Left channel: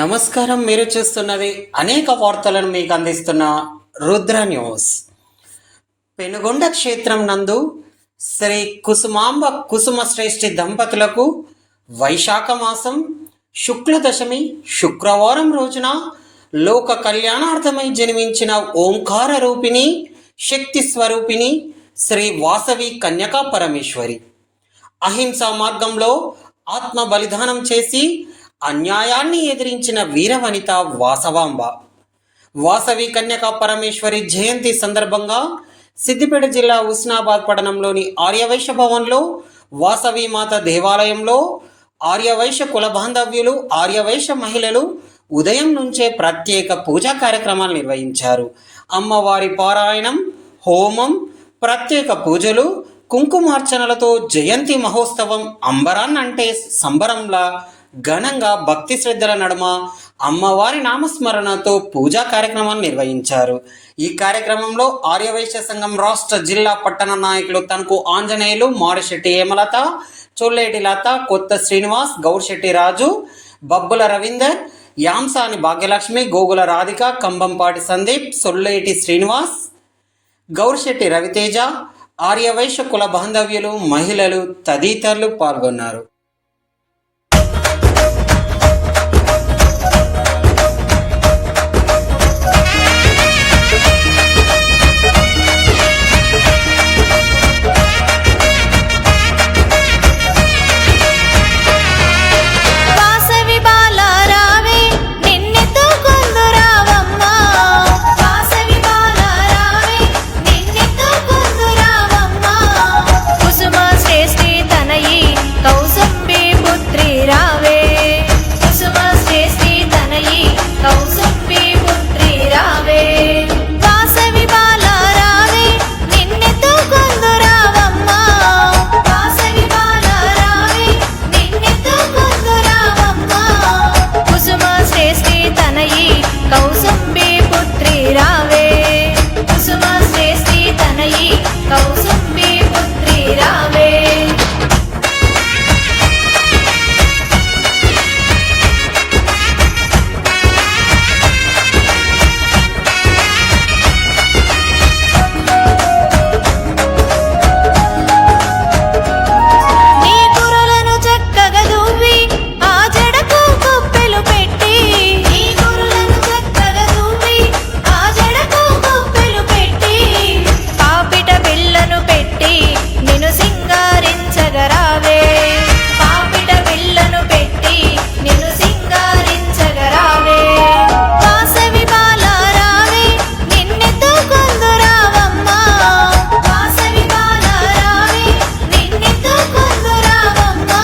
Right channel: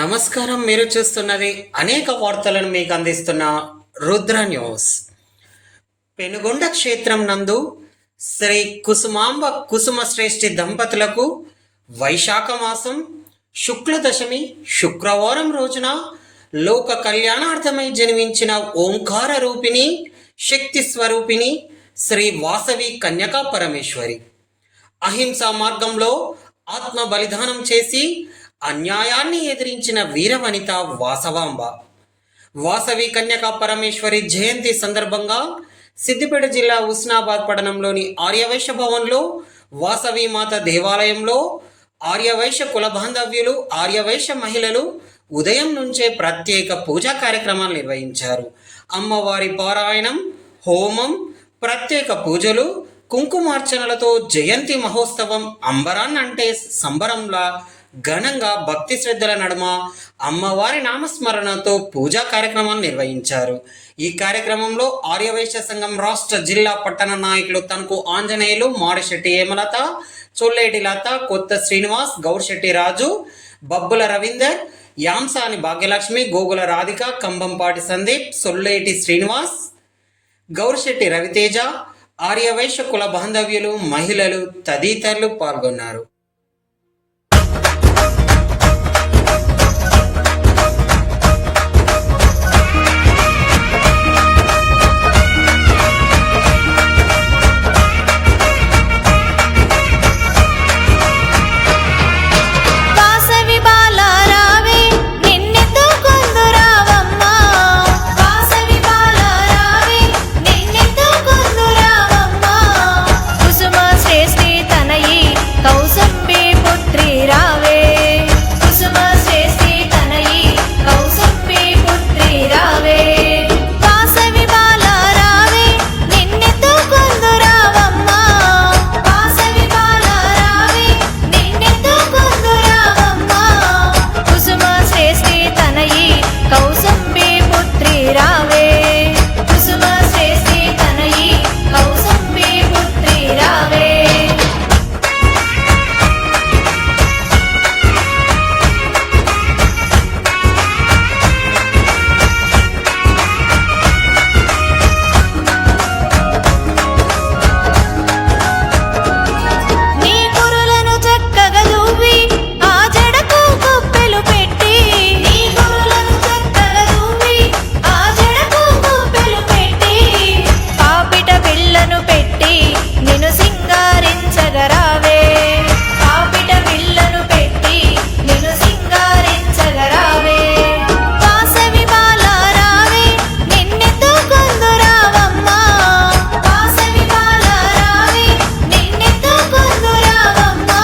నమస్కారం. మీరు చూస్తున్నది అనేక వార్తలను మీకు అందిస్తున్న రుద్ర న్యూస్. పెనుగొండ క్షేత్రం నందు శ్రీ కుసుమాంబ కుసుమ శ్రేష్ఠి దంపతులకు వైశాఖ మాసం శుక్ల దశమి శుక్రవారం రోజున లోక కళ్యాణార్థమై జన్మించిన ఓంకార రూపిణి శక్తి స్వరూపిణి శ్రీ వాసవి కన్యకా పరమేశ్వరి అహింసా మార్గంలో ఆత్మ బలిదానం చేసి అన్యాయాన్ని ఎదిరించిన వీరవనిత వాసవాంబ. వాసవి కన్యకా పరమేశ్వరి జయంతి సందర్భంగా సిద్దిపేట జిల్లా హుస్నాబాద్ పట్టణంలోని ఆర్యవైశ్య భవన్లో వాసవి మాత దేవాలయంలో ఆర్యవైశ్య కుల బాంధవ్యులు ఆర్యవైశ్య మహిళలు ఉదయం నుంచే ప్రత్యేక పూజా కార్యక్రమాలు నిర్వహించారు. అమ్మవారి పారాయణం, హోమం, ప్రత్యేక పూజలు, కుంకుమార్చనలతో జయంతి మహోత్సవం అంబరాన్నంటే సంబరంలా ఘనంగా భక్తి శ్రద్ధల నడుమ అమ్మవారి నామస్మరణతో పూజా కార్యక్రమాలు నిర్వహించారు. ఈ కార్యక్రమంలో ఆర్యవైశ్య సంఘం రాష్ట్ర జిల్లా పట్టణ నాయకులు తనకు ఆంజనేయులు, మారిశెట్టి హేమలత, చొల్లేటి లత, కొత్త శ్రీనివాస్, గౌర్శెట్టి రాజు, బబ్బుల రవీందర్, యాంసాని భాగ్యలక్ష్మి, గోగుల రాధిక, కంబంపాటి సందీప్, సొల్లేటి శ్రీనివాస్, గౌర్శెట్టి రవితేజ, ఆర్యవైశ్య కుల బాంధవ్యులు, మహిళలు తదితరులు పాల్గొన్నారు. కౌసంబి పుత్రి రావే, కుసుమ శ్రేష్ఠి తనయి కౌసంబి పుత్రి రావే, వాసవి బాల రావే నిన్నెతో కొందు రావమ్మా, వాసవి బాల రావే నిన్నెతో కొందు రావమ్మా, కుసుమ శ్రేష్ఠి తనయి కౌసంబి పుత్రి రావే, కుసుమ శ్రేష్ఠి తనయి కౌసంబి పుత్రి రావే. నిన్ను సింగారించగరావే, పాపిట బిళ్ళను పెట్టి నిన్ను సింగారించగరావే, వాసవి బాల రావే నిన్నెతో కొందు రావమ్మా, వాసవి బాల రావే నిన్నెతో కొందు రావమ్మా,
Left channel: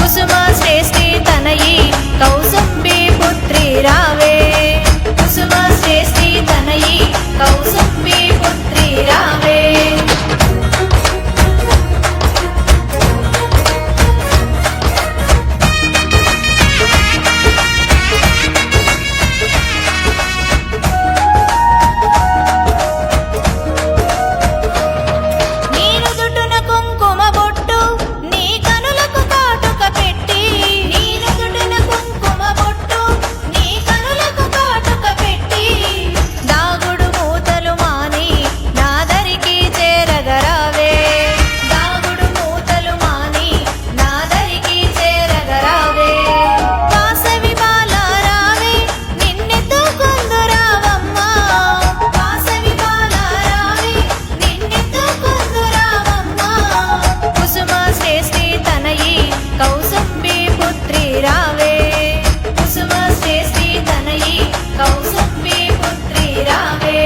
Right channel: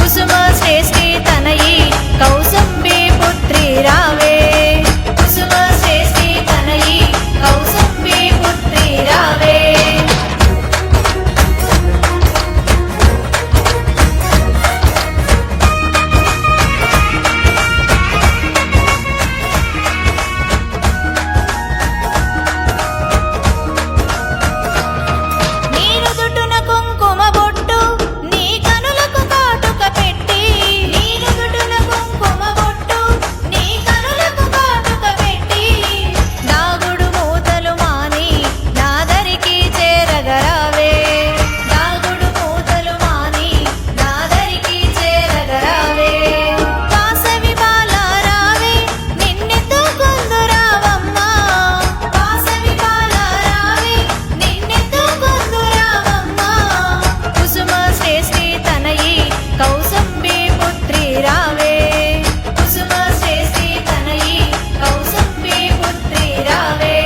కుసుమ శ్రేష్ఠి తనయి కౌసంబి పుత్రి రావే, కుసుమ శ్రేష్ఠి తనయి కౌసంబి పుత్రి రావే. కౌసంబి పుత్రి రావే, కుసుమ శ్రేష్ఠి తనయి కౌసంబి పుత్రి రావే.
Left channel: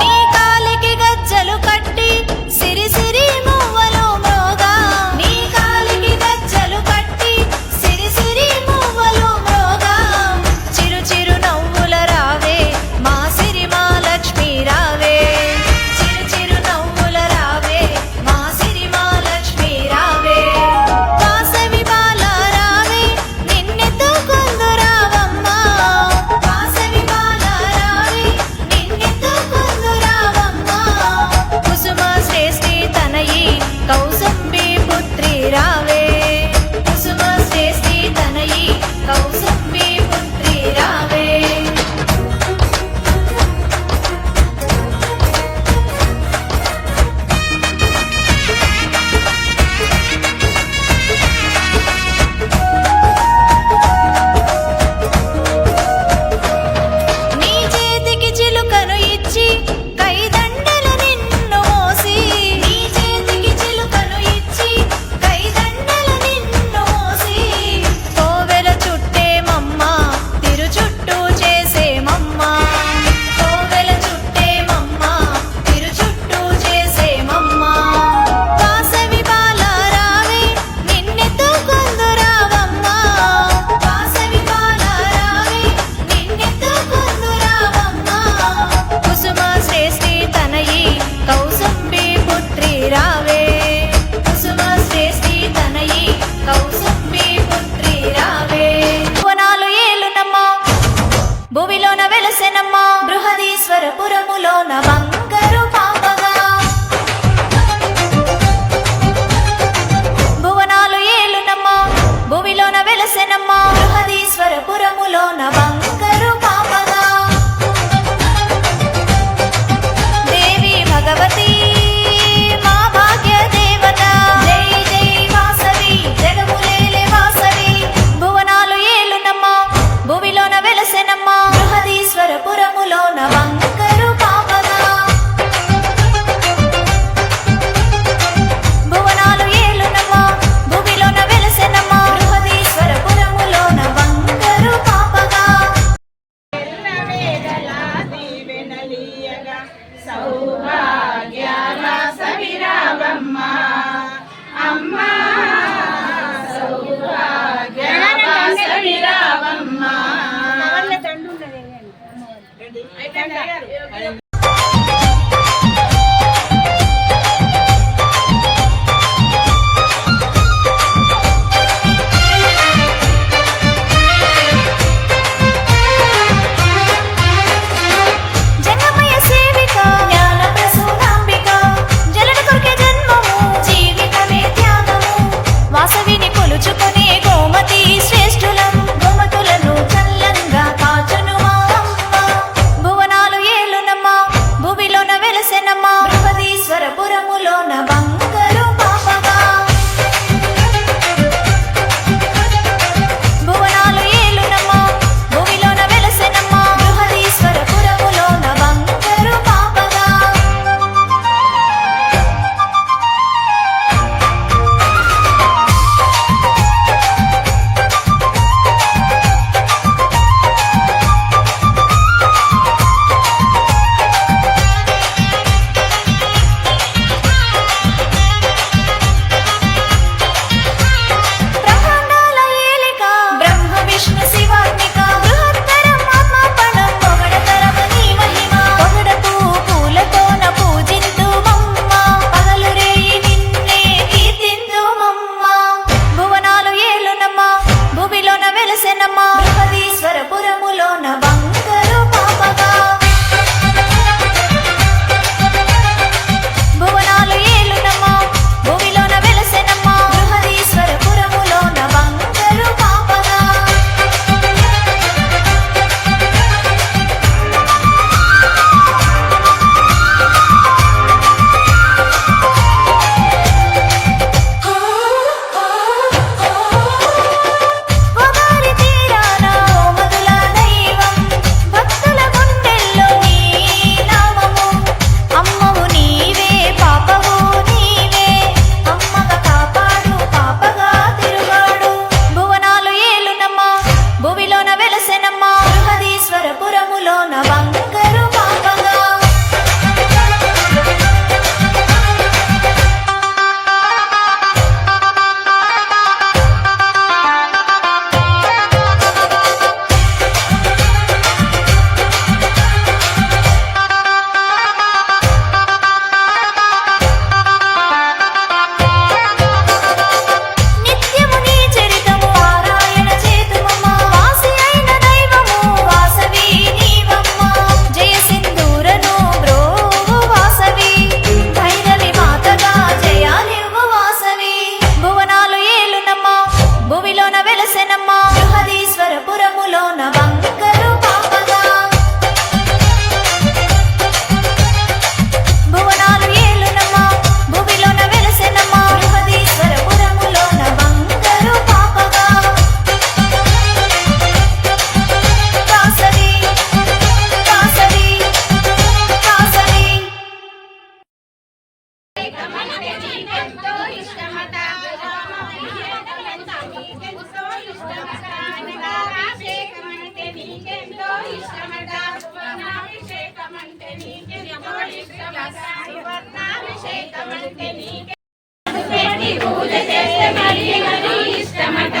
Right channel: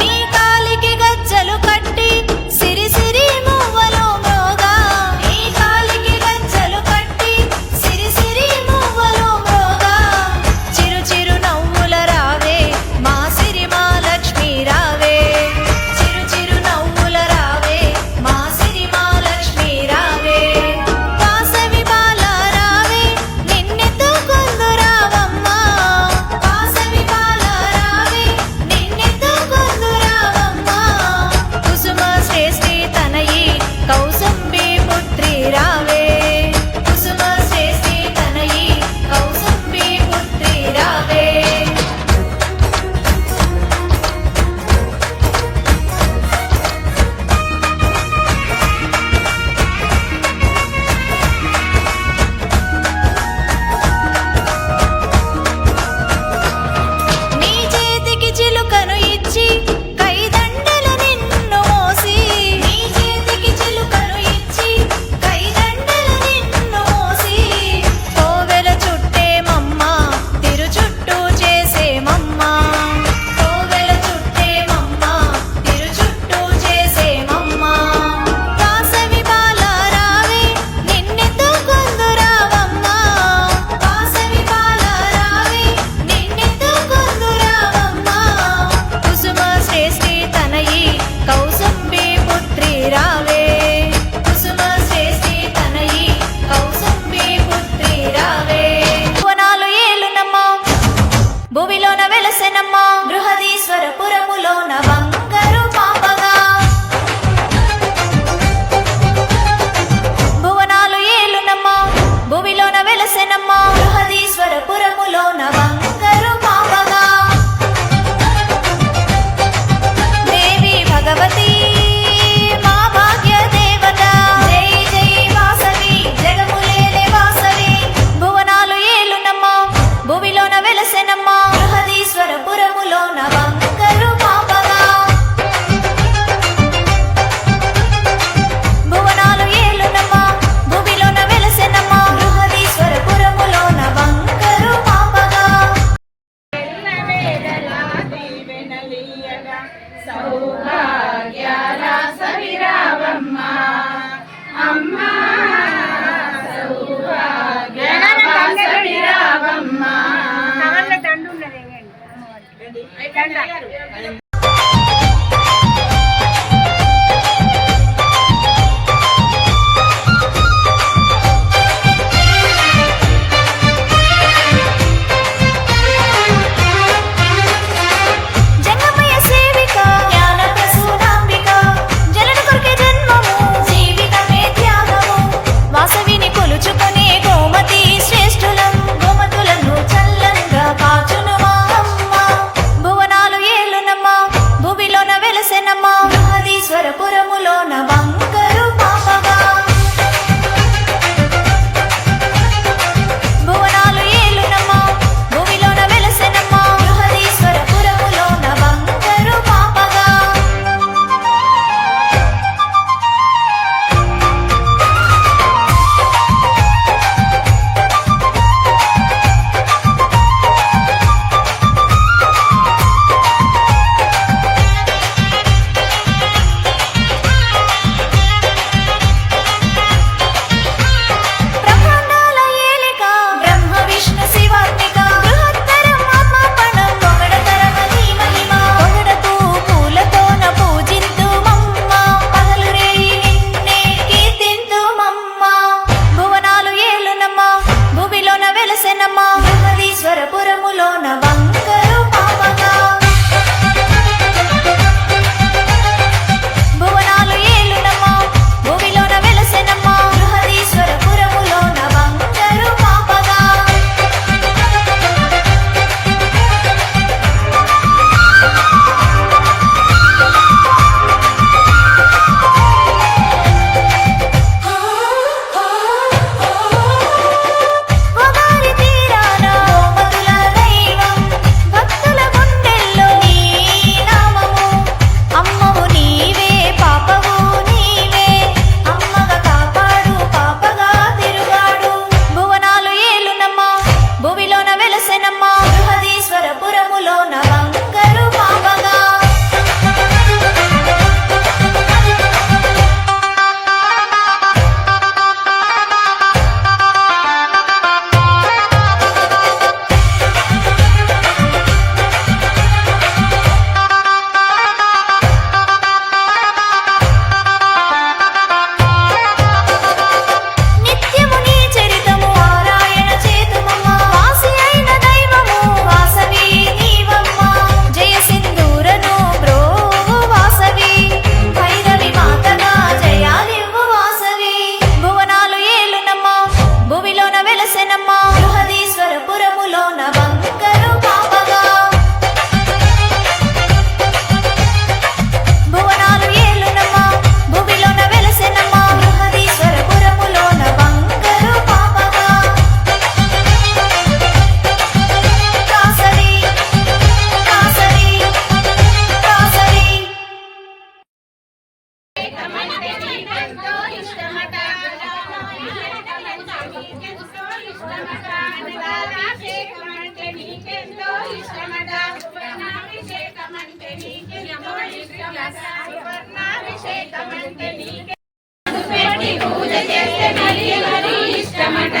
నీ కాలికి గజ్జలు కట్టి సిరి సిరి మువ్వలు మ్రోగా, నీ కాలికి గజ్జలు కట్టి సిరి సిరి చేసేమమ్మా కోవెల చుట్టేమమ్మా తిరు చుట్టూ చేసేమమ్మా వాసవి బాల రావే నిన్నెత్తుకొందు రావమ్మా వాసవి బాల రావే నిన్నెత్తుకొందు రావమ్మా కుసుమ శ్రేష్ఠి తనయి కౌసుంబి పుత్రి రావే కుసుమ శ్రేష్ఠి తనయి కౌసుంబి పుత్రి రావే వనాలు ఏలునమ్మా భువిలోన వెలసెనమ్మా బృహదీశ్వరపురములోన బంగారు పాపగా భువనాలు ఏలునమ్మా భువిలోన వెలసెనమ్మా బృహదీశ్వరపురములోన బంగారు పాపగా దేవి భగవతి మా భాగ్య దేవత జై జై వాసవి జగములేలే వాసవి భువనాలు ఏలునమ్మా భువిలోన వెలసెనమ్మా బృహదీశ్వరపురములోన బంగారు పాపగా భువనాలు ఏలునమ్మా భువిలోన వెలసెనమ్మా బృహదీశ్వరపురములోన బంగారు పాపగా సౌభాగ్యాల సవిరావమ్మ అమ్మ సౌభాగ్యాల సవిరావమ్మ జంగమయ్య సేవిక జ్ఞాన ప్రసూనాంబిక జలన కొరకే జన్మము జీవితమే త్యాగము వాసవిని కొలుచుకునే గోమతి శ్రేష్ఠులం గోమతులను చల్లంగా కాచును మా అమ్మ భువనాలు ఏలునమ్మా భువిలోన వెలసెనమ్మా బృహదీశ్వరపురములోన బంగారు పాపగా భువనాలు ఏలునమ్మా భువిలోన వెలసెనమ్మా బృహదీశ్వరపురములోన బంగారు పాపగా సువర్ణాభిషేకమంటే నీకే పెట్టి పూజ చేస్తే మరీ మరీ ఇష్టమట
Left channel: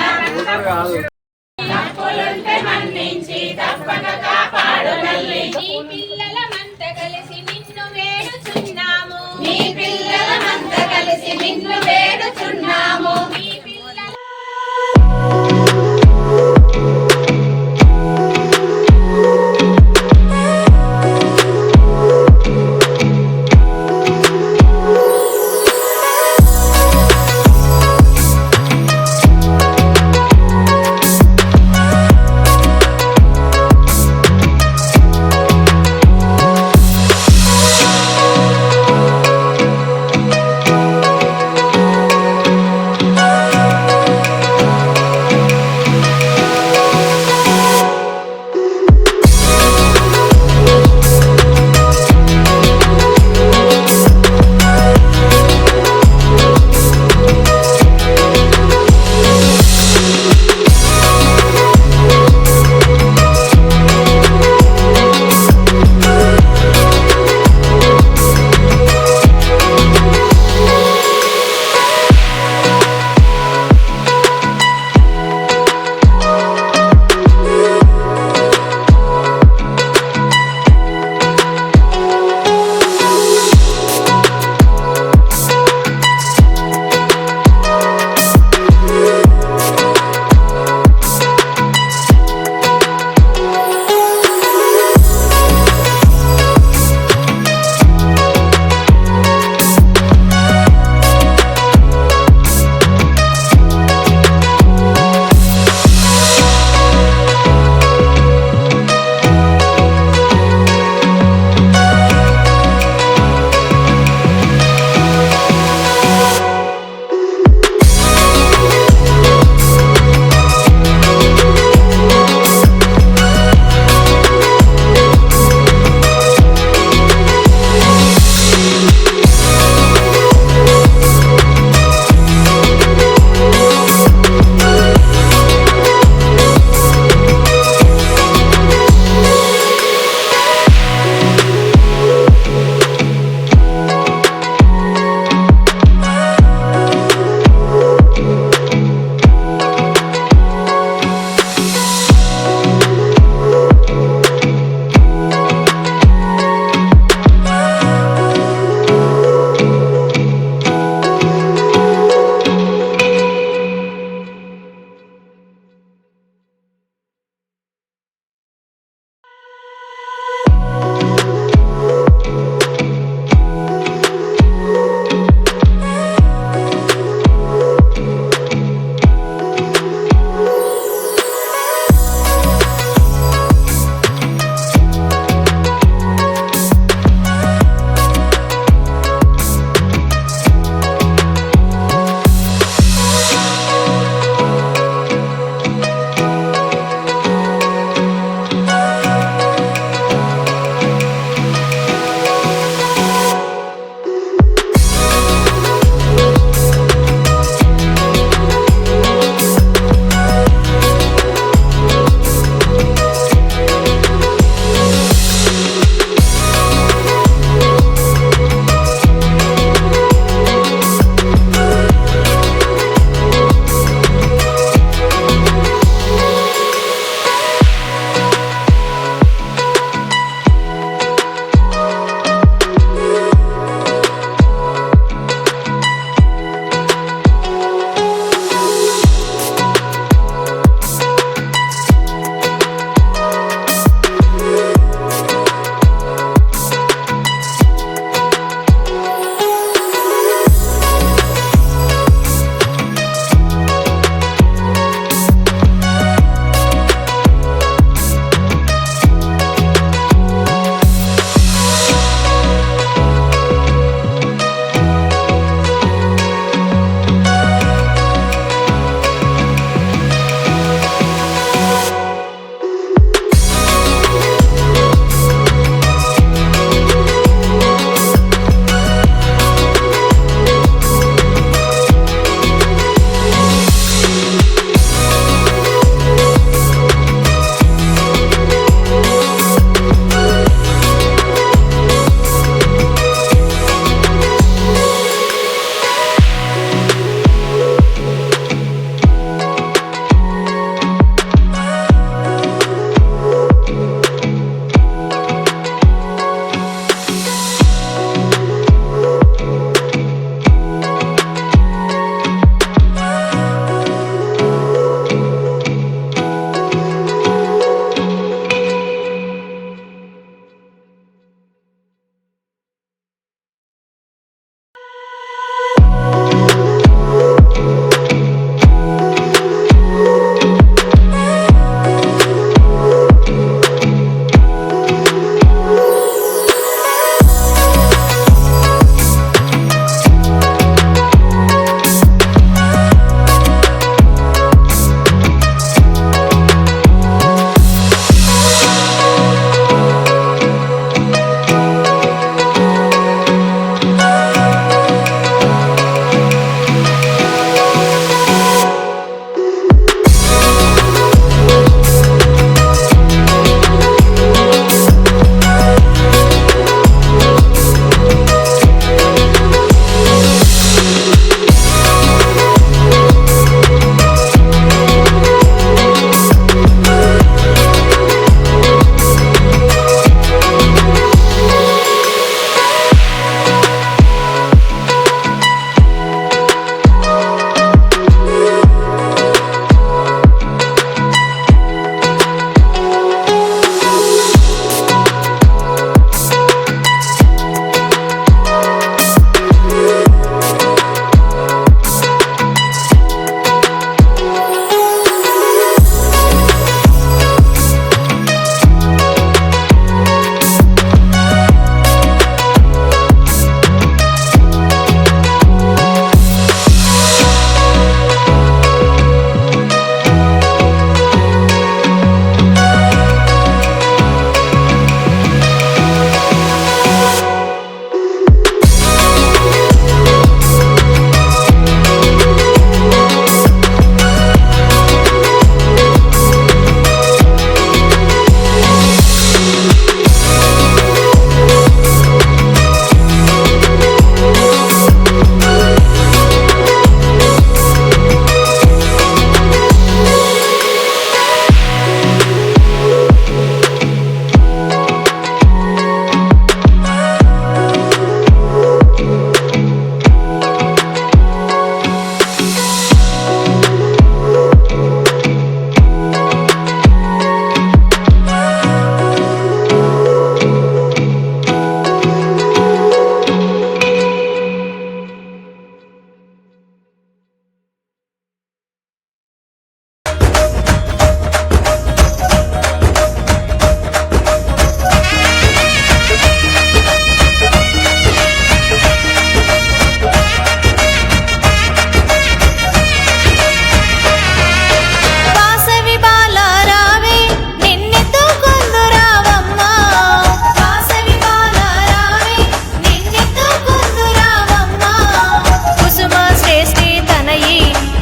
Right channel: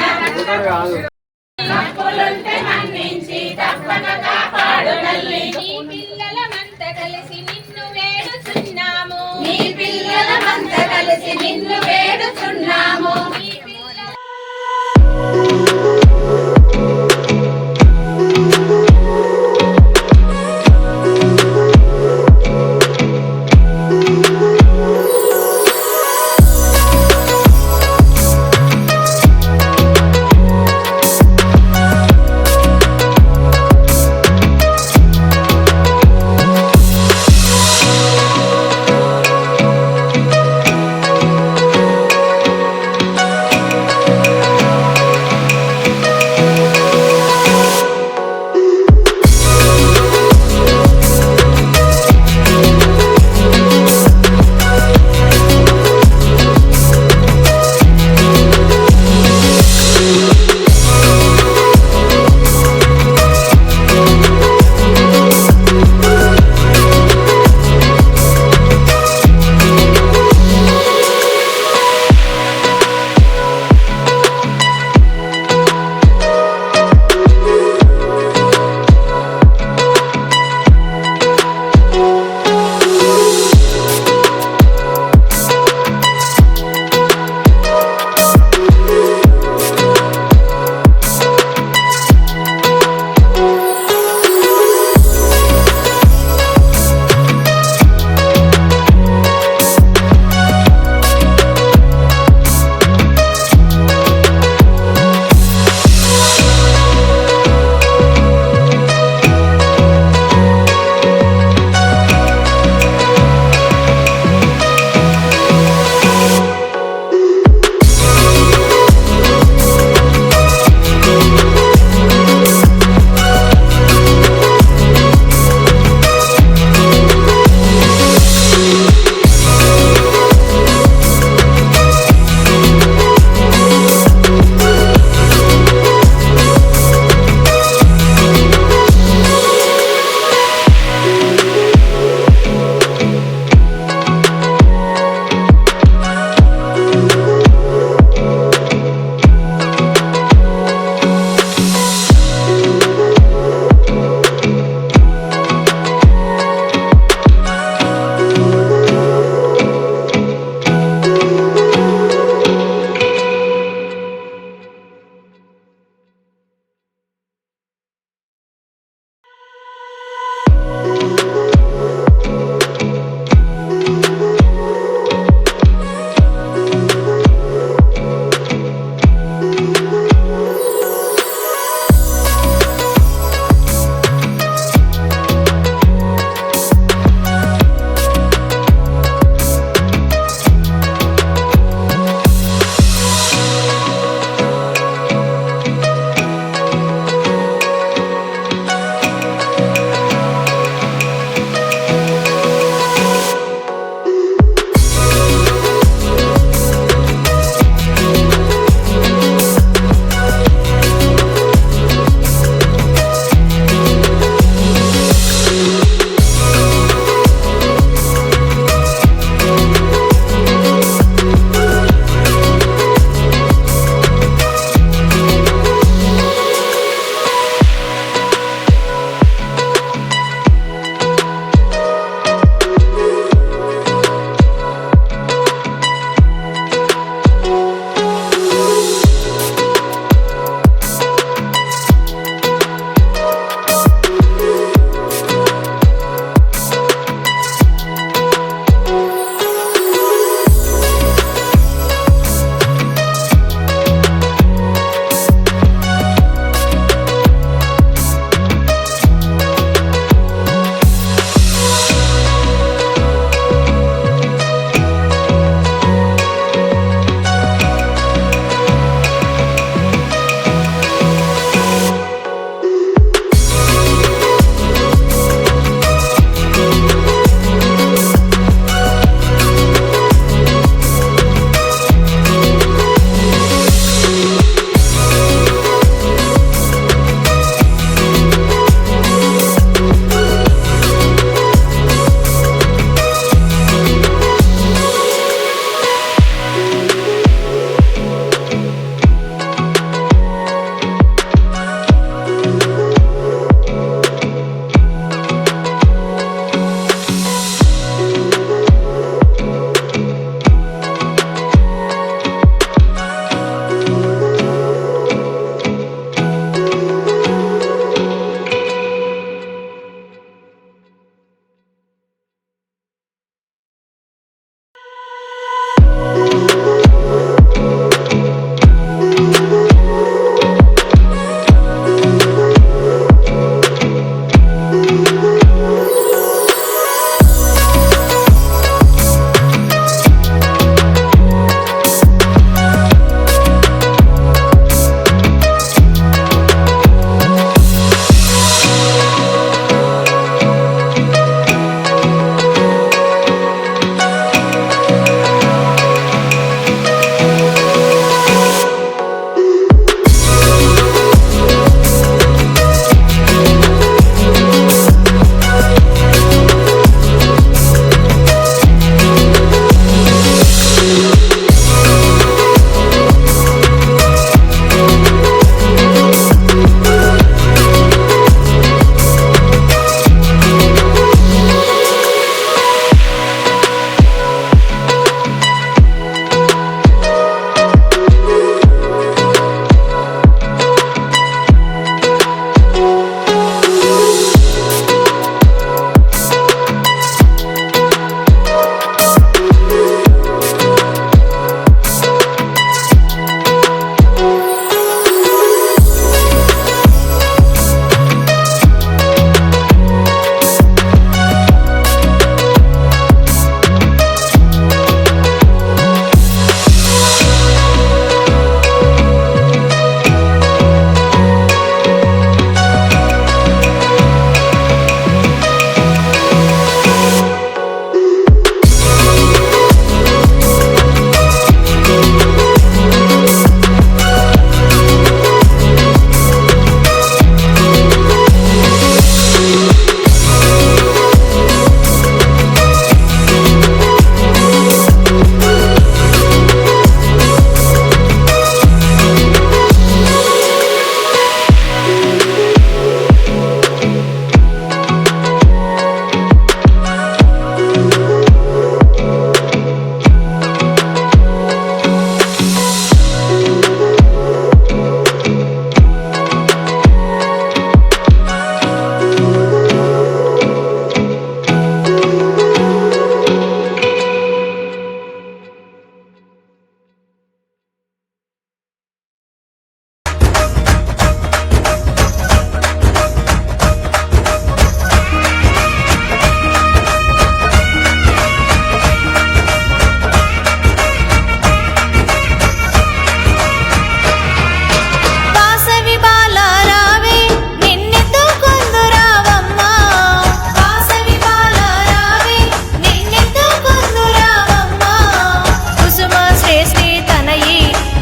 తప్పులుంటే మన్నించి తప్పక కాపాడు మళ్ళీ నీ పిల్లలమంతా కలిసి నిన్ను వేడుచున్నాము నీ పిల్లలమంతా కలిసి నిన్ను వేడుచున్నాము నీ పిల్లల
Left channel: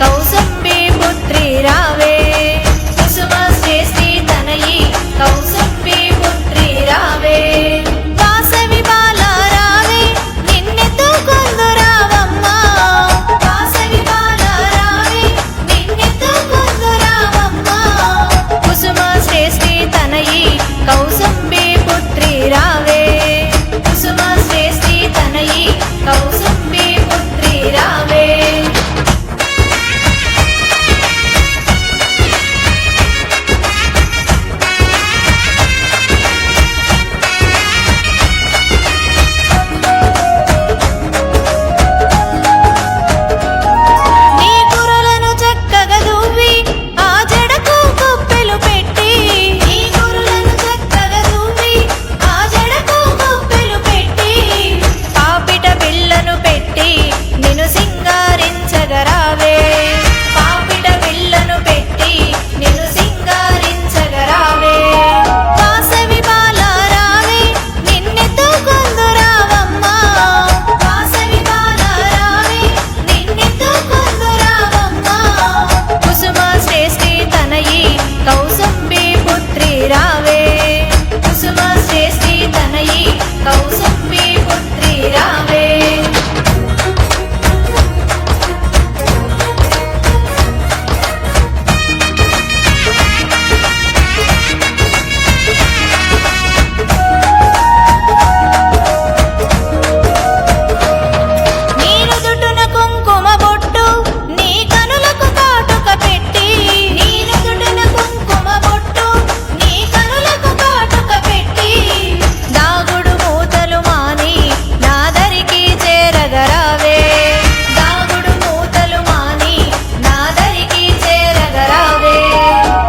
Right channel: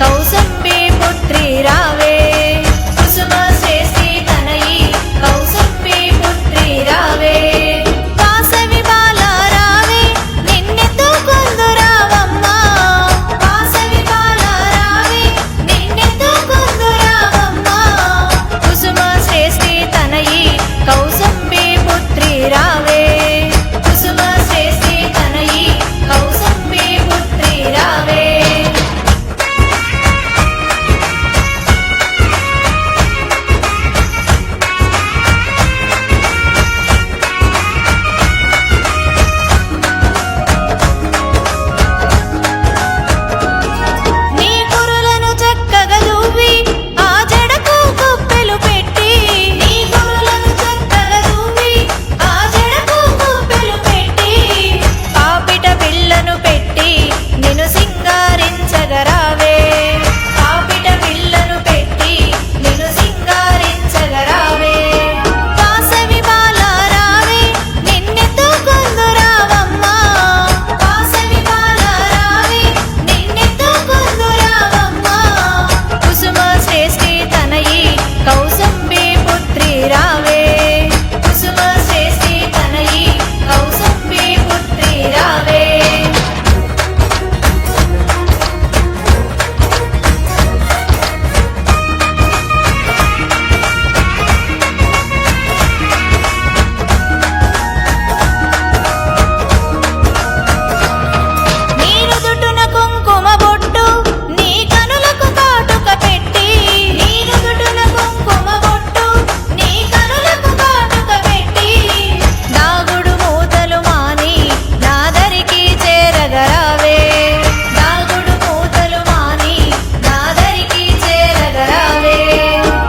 కౌసుంబి పుత్రి రావే కుసుమ శ్రేష్ఠి తనయి కౌసుంబి పుత్రి రావే వాసవి బాల రావే నిన్నెత్తుకొందు రావమ్మా వాసవి బాల రావే నిన్నెత్తుకొందు రావమ్మా కుసుమ శ్రేష్ఠి తనయి కౌసుంబి పుత్రి రావే కుసుమ శ్రేష్ఠి తనయి కౌసుంబి పుత్రి రావే నీ కురులను చక్కగా దువ్వి ఆ జడకు కుప్పెలు పెట్టి నీ కురులను చక్కగా దువ్వి ఆ జడకు కుప్పెలు పెట్టి పాపిట బిళ్ళను పెట్టి నిన్ను సింగారించగరావే పాపిట బిళ్ళను పెట్టి నిన్ను సింగారించగరావే వాసవి బాల రావే నిన్నెత్తుకొందు రావమ్మా వాసవి బాల రావే నిన్నెత్తుకొందు రావమ్మా కుసుమ శ్రేష్ఠి తనయి కౌసుంబి పుత్రి రావే కుసుమ శ్రేష్ఠి తనయి కౌసుంబి పుత్రి రావే నీరు దుటున కుంకుమ బొట్టు నీ కనులకు కాటుక పెట్టి నీరు దుటున కుంకుమ బొట్టు నీ కనులకు కాటుక పెట్టి దాగుడు మూతలు మాని నాదరికి చేరగరావే దాగుడు మూతలు మాని నాదరికి చేరగరావే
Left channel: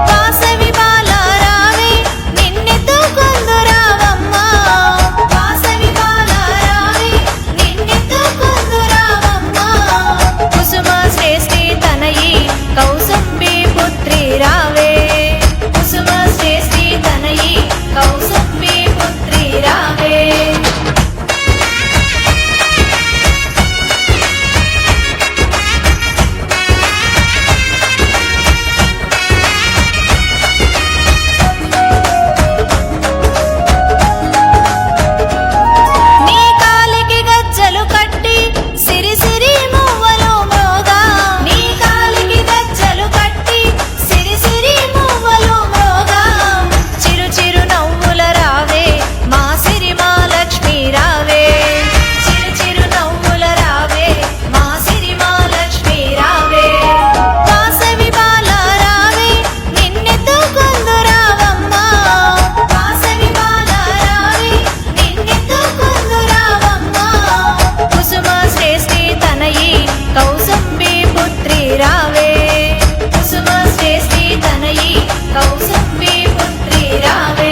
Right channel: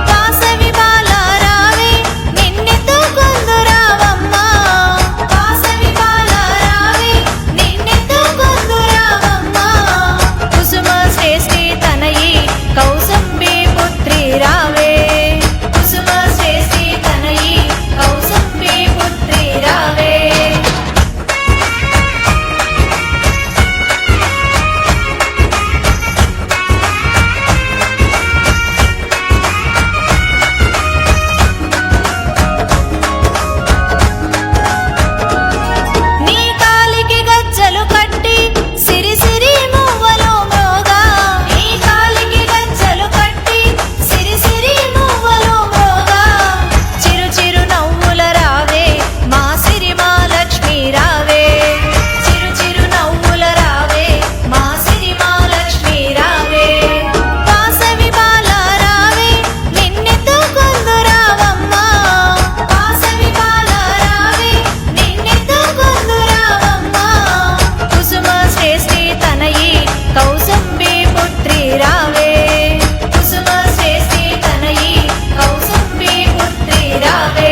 వాసవి బాల రావే నిన్నెత్తుకొందు రావమ్మా వాసవి బాల రావే నిన్నెత్తుకొందు రావమ్మా కుసుమ శ్రేష్ఠి తనయి కౌసుంబి పుత్రి రావే కుసుమ శ్రేష్ఠి తనయి కౌసుంబి పుత్రి రావే నీ కాలికి గజ్జలు కట్టి సిరి సిరి మువ్వలు మ్రోగా నీ కాలికి గజ్జలు కట్టి సిరి సిరి మువ్వలు మ్రోగా చిరు చిరు నవ్వుల రావే మా సిరిమా లక్ష్మి రావే చిరు చిరు నవ్వుల రావే మా సిరిమా లక్ష్మి రావే వాసవి బాల రావే నిన్నెత్తుకొందు రావమ్మా వాసవి బాల రావే నిన్నెత్తుకొందు రావమ్మా కుసుమ శ్రేష్ఠి తనయి కౌసుంబి పుత్రి రావే కుసుమ శ్రేష్ఠి తనయి కౌసుంబి పుత్రి రావే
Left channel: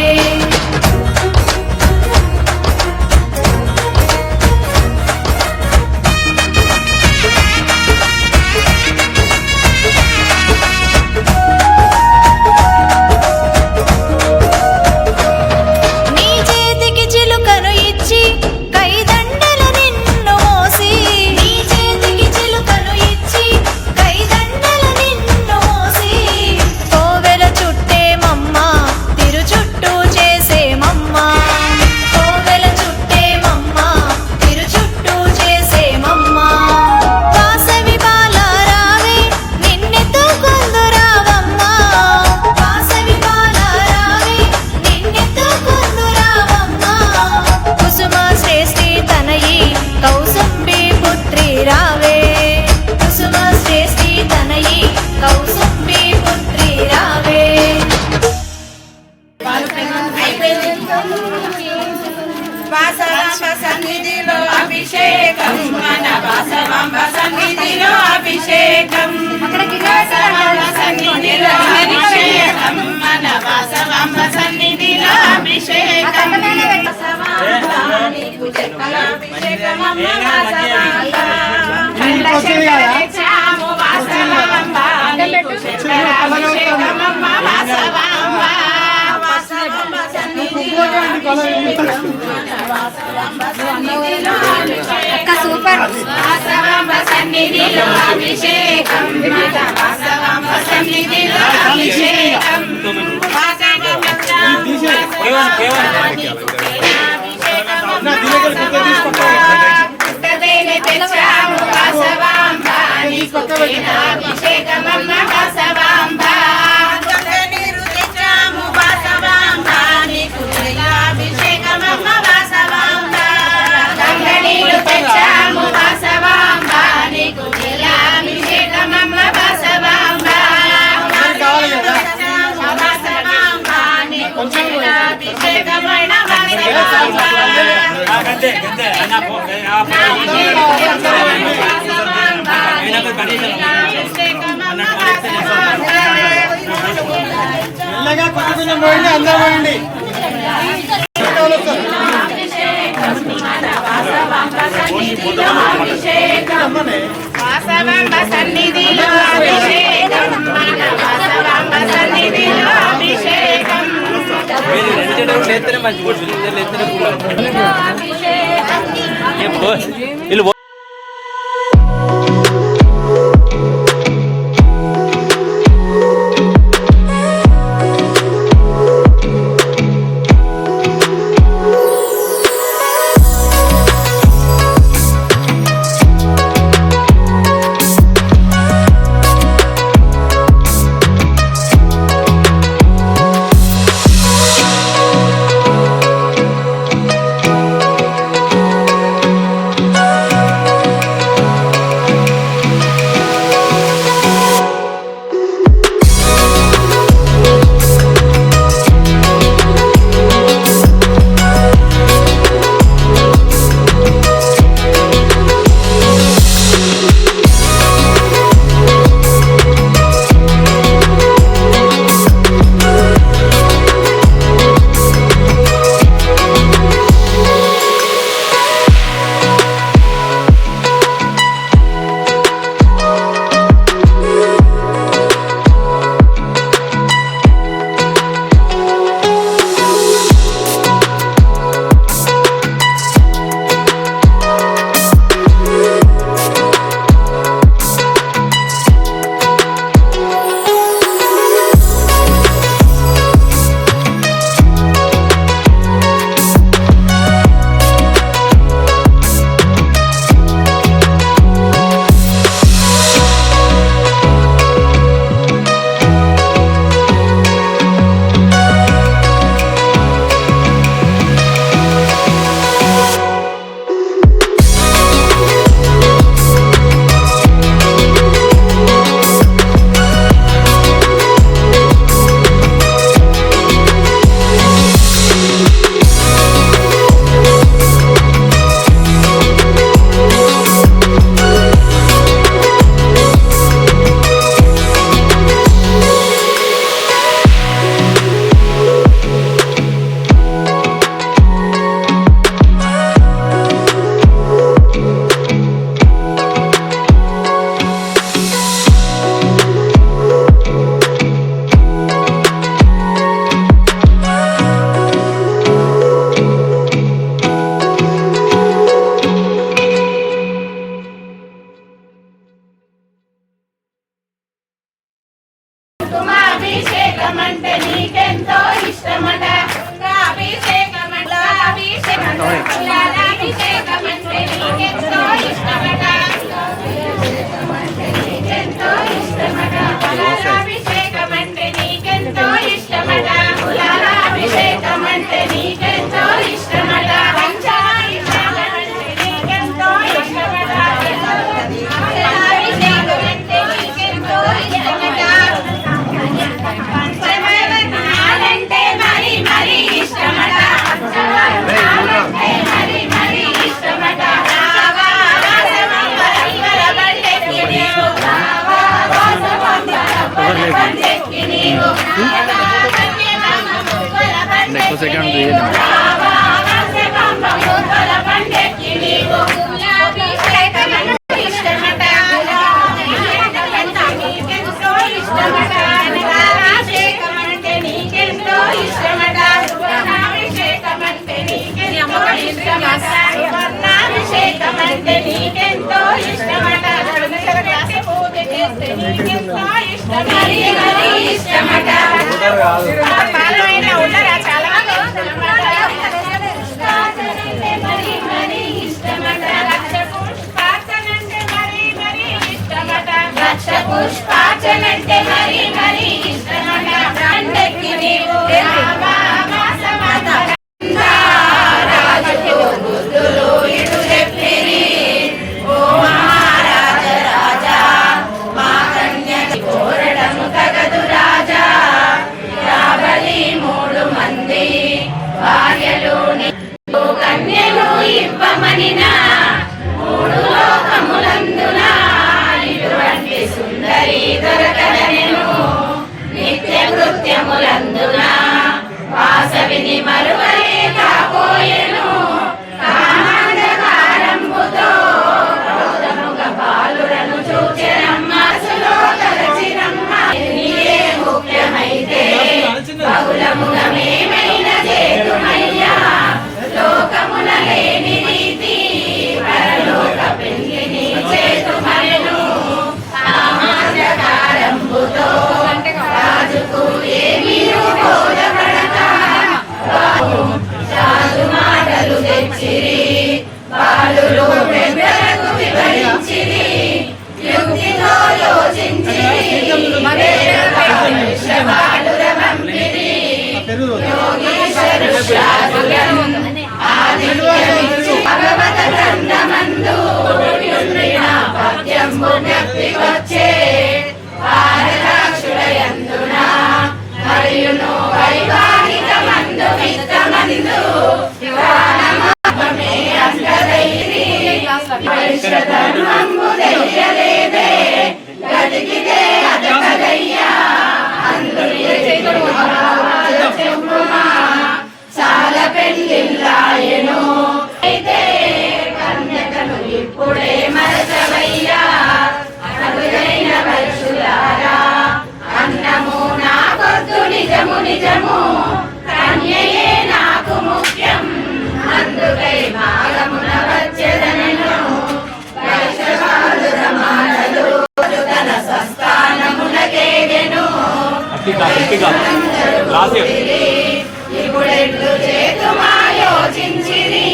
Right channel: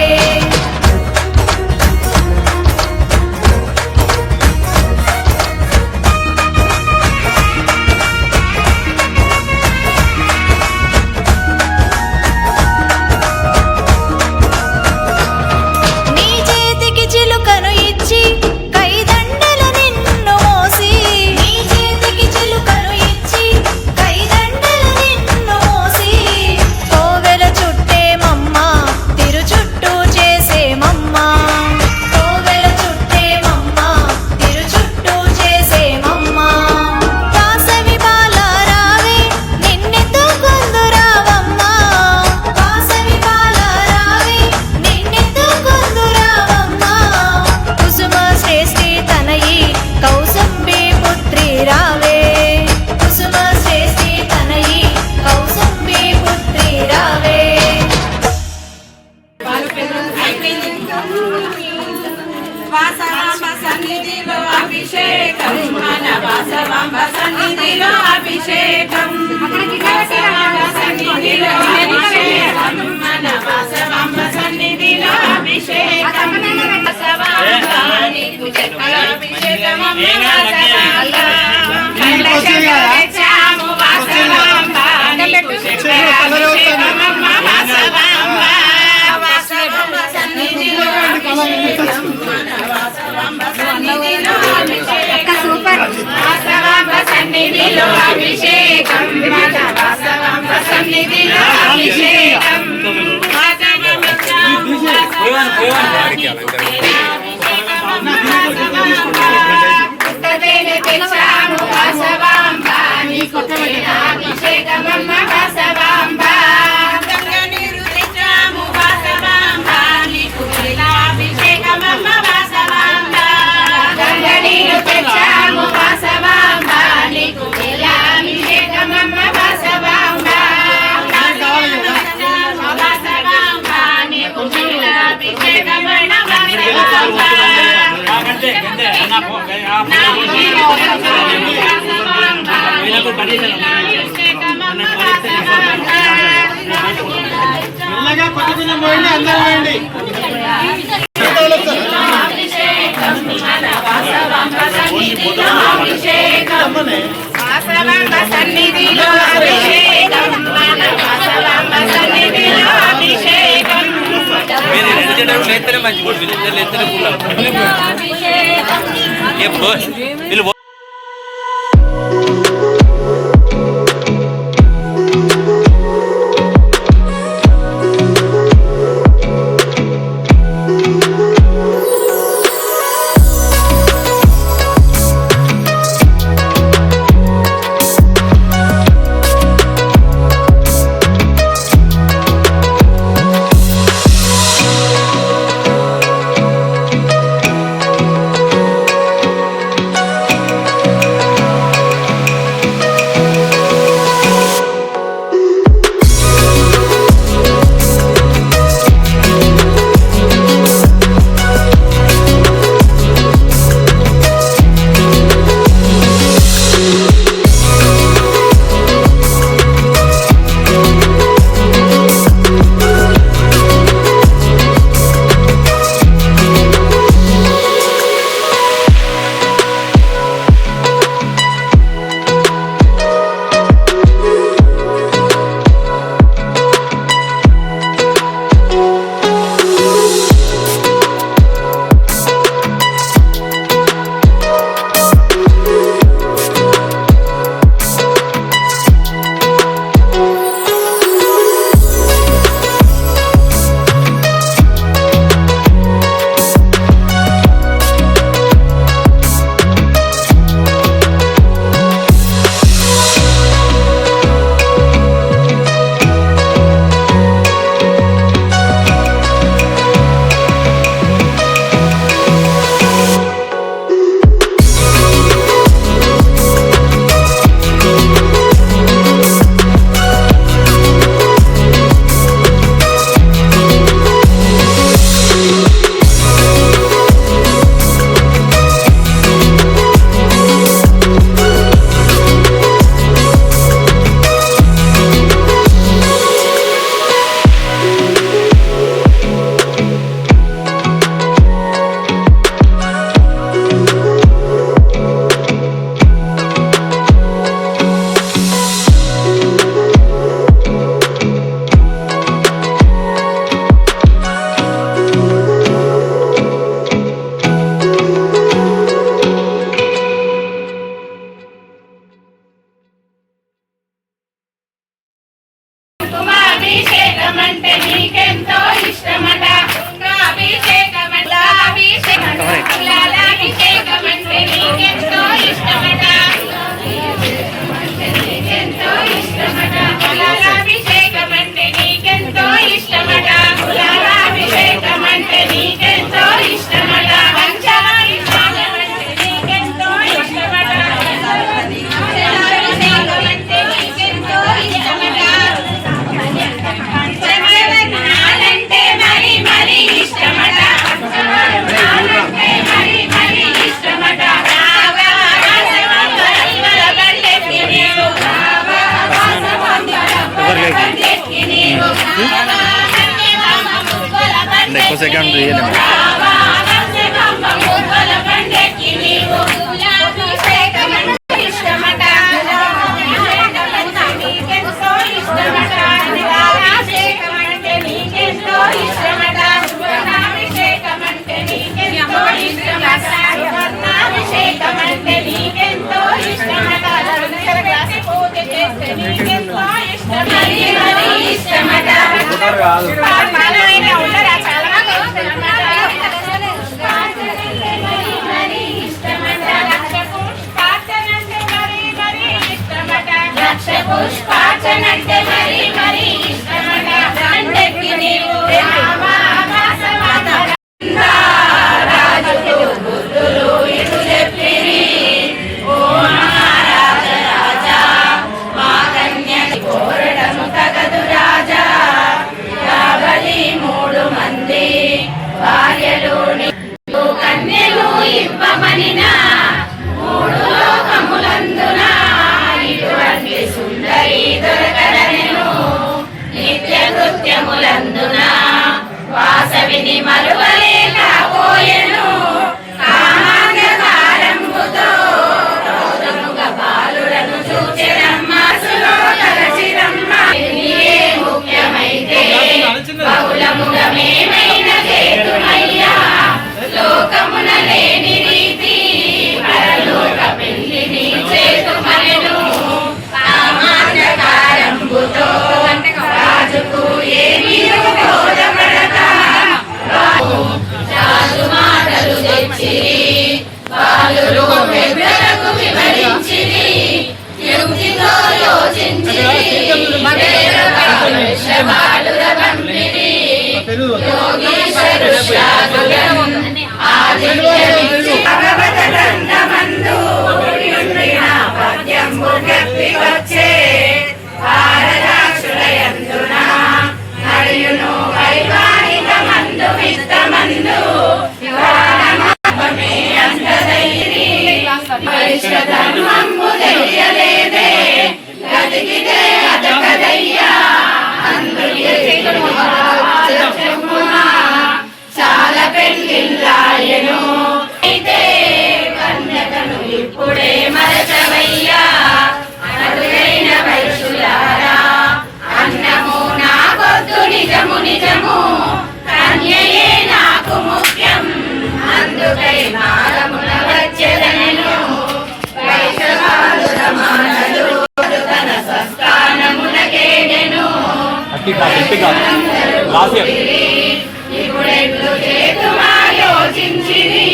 నీ చేతికి చిలుకను ఇచ్చి కైదండల నిన్ను మోసి నీ చేతికి చిలుకను ఇచ్చి కైదండల నిన్ను మోసి కోవెల చుట్టేమమ్మ తిరు చుట్టూ చేసేమమ్మ కోవెల చుట్టేమమ్మ తిరు చుట్టూ చేసేమమ్మ వాసవి బాల రావే నిన్నెత్తుకొందు రావమ్మా వాసవి బాల రావే నిన్నెత్తుకొందు రావమ్మా కుసుమ శ్రేష్ఠి తనయి కౌసుంబి పుత్రి రావే కుసుమ శ్రేష్ఠి తనయి కౌసుంబి పుత్రి రావే వాసవాంబ సన్నిధిలో అభిషేకం మన వాసవాంబ సన్నిధిలో అభిషేకం వాసవాంబ సన్నిధిలో అభిషేకం మన వాసవాంబ సన్నిధిలో అభిషేకం వాసవాంబ నీకు చక్కల అభిషేకమమ్మ వాసవాంబ కండ చక్కల తెచ్చాము వాసవాంబ నీకు చక్కల అభిషేకమమ్మ వాసవాంబ వాసవాంబ సన్నిధిలో అభిషేకం మన వాసవాంబ సన్నిధిలో అభిషేకం వాసవాంబ సన్నిధిలో అభిషేకం మన వాసవాంబ సన్నిధిలో అభిషేకం వాసవాంబ పుట్టదేనే తెచ్చాము వాసవాంబ నీకు అభిషేకమన్న వాసవాంబ నీరు తెచ్చాము వాసవాంబ నీకు అభిషేకమన్న వాసవాంబ గంగనీరు తెచ్చాము వాసవాంబ నీకు అభిషేకమన్న వాసవాంబ వాసవాంబ నీకు అభిషేకమన్న వాసవాంబ మెల్లగా పట్టుకున్న మోయిని అందరూ ఉండి వాసవాంబ సన్నిధిలో అభిషేకం మన వాసవాంబ సన్నిధిలో అభిషేకం అభిషేకమంటే నీకెంతో ఇష్టమట అభిషేకమంటే అభిషేకమంటే నీకెంతో ఇష్టమట నీకెంతో ఇష్టమట అభిషేకమంటే నీకెంతో ఇష్టమట అభిషేకమంటే నీకెంతో ఇష్టమట పంచాయి నీకెంతో ఇష్టమట అభిషేకమంటే నీకెంతో ఇష్టమట నాలంటే మరి మరి ఇష్టమట నాలంటే మరి మరి ఇష్టమట రావా వాసవాంబ ఇవల బండెక్కి నీవు రావా వాసవాంబ బండెక్కి నీవు రావా కన్యకాంబ ముగ్గుల బండెక్కి నీవు రావా వాసవాంబ ముగ్గుల బండెక్కి నీవు అభిషేకమంటే ఇష్టమట అభిషేకమంటే నీకెంతో ఇష్టమట నీకెంతో ఇష్టమట అభిషేకమంటే నీకెంతో ఇష్టమట అభిషేకమంటే నీకెంతో ఇష్టమట చేస్తే నీకెంతో ఇష్టం మరి మరి ఇష్టమట మానవైనా ఉండరా చాలా మంది మరి మరి ఇష్టమట రక్ష పుష్పార్చనంటే మరి మరి ఇష్టమట రక్ష పుష్పార్చనంటే మరి మరి ఇష్టమట అంటకి నీవు రాజుకు బుద్ధులు ఇటు చెప్పిరి ఓ మహారాజ రాజా మా కన్యకి కోరడము తగదు రాజా కాబలి 3 మంది భార్యలు నీకు కన్యలు ఇవ్వమనిన 3 లోకములందున ఇటువంటి సుందరి దొరకడనెను నిత్య కృత్యములందున వాసవిని మరువలేకపోయెను కామాంధకారంబుతో క్రోధముగా బాలుడను చూచెరమ్మసులో తలచిరమ్మ నీవే ముఖ్యమైతే బహుళముగా మేమైన చేతుమయ్యా లోకమున లేని రీతి పరలోక పెళ్లిని చేతుమనెను కామాంధకారంబుతో రాజుకు ఏమీ బోధపడక రాజు మాటలు తెచ్చిరి బాలురు పెద్దలకు వివరించిరి యుక్తితో యోచించిరి బాలుర పంపిరి యోగీశ్వరు శాదులను ఆదిత్యమిచ్చి భగవత గ్రంథమందు విండిన పద్యంబు చెప్పి వచ్చే భారతాక్షుడయందున మరియును వైవాహికమందు విత్తమందు ప్రాణమాపమే అంతదైరి వైశ్వధర్మంబు తెలియలేదే గతికితే అదకదయ్యా అందుకే చెప్పుమా చాలా పెళ్ళిళ్ళాయను అయితే కన్యకను ఇప్పుడే మరచవయ్యా అరుదైన వయసులారా అన్నము నాకొద్దు నిజము నిజము కన్యయే నాకు ముఖ్యం అందుకై మాలమున వచ్చెదనెను వైశవాలుర మాలలు తన స్వస్థానమునకేదెను ఇప్పుడెట్లు చేతుమా యోచించిరి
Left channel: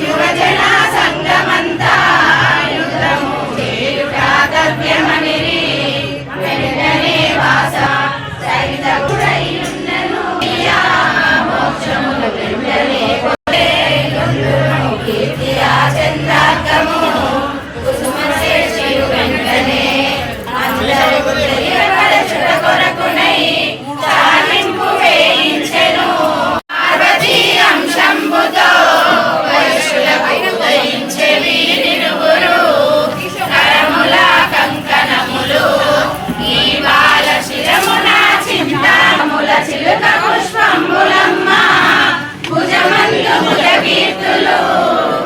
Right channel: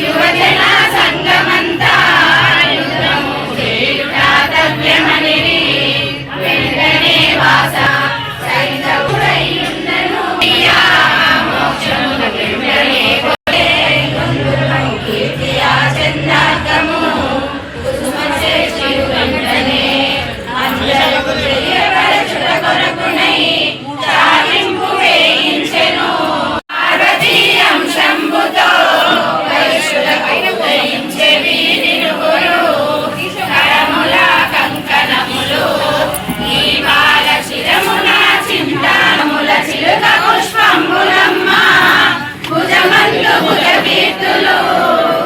యువజన సంగమంతా యుద్ధము చేయుట తవ్యమనిరి వెంటనే వాస సైతవుడయ్యున్నను మోక్షమున వెంటనే కీర్తియా చంద్రార్కము కుసుమశేషుడు వెంటనే అందరూ తెలియపరచుట కొరకునై చాలింపు వేయించెను పార్వతీ అంశంబుతో వైశ్యులకు ఉదయించె వీరిరువురు కరముల కంకణములు ఈ బాల శిరమున చింతాముల చిలుక పుష్పంబులమ్మ భుజమందు కీర్తులు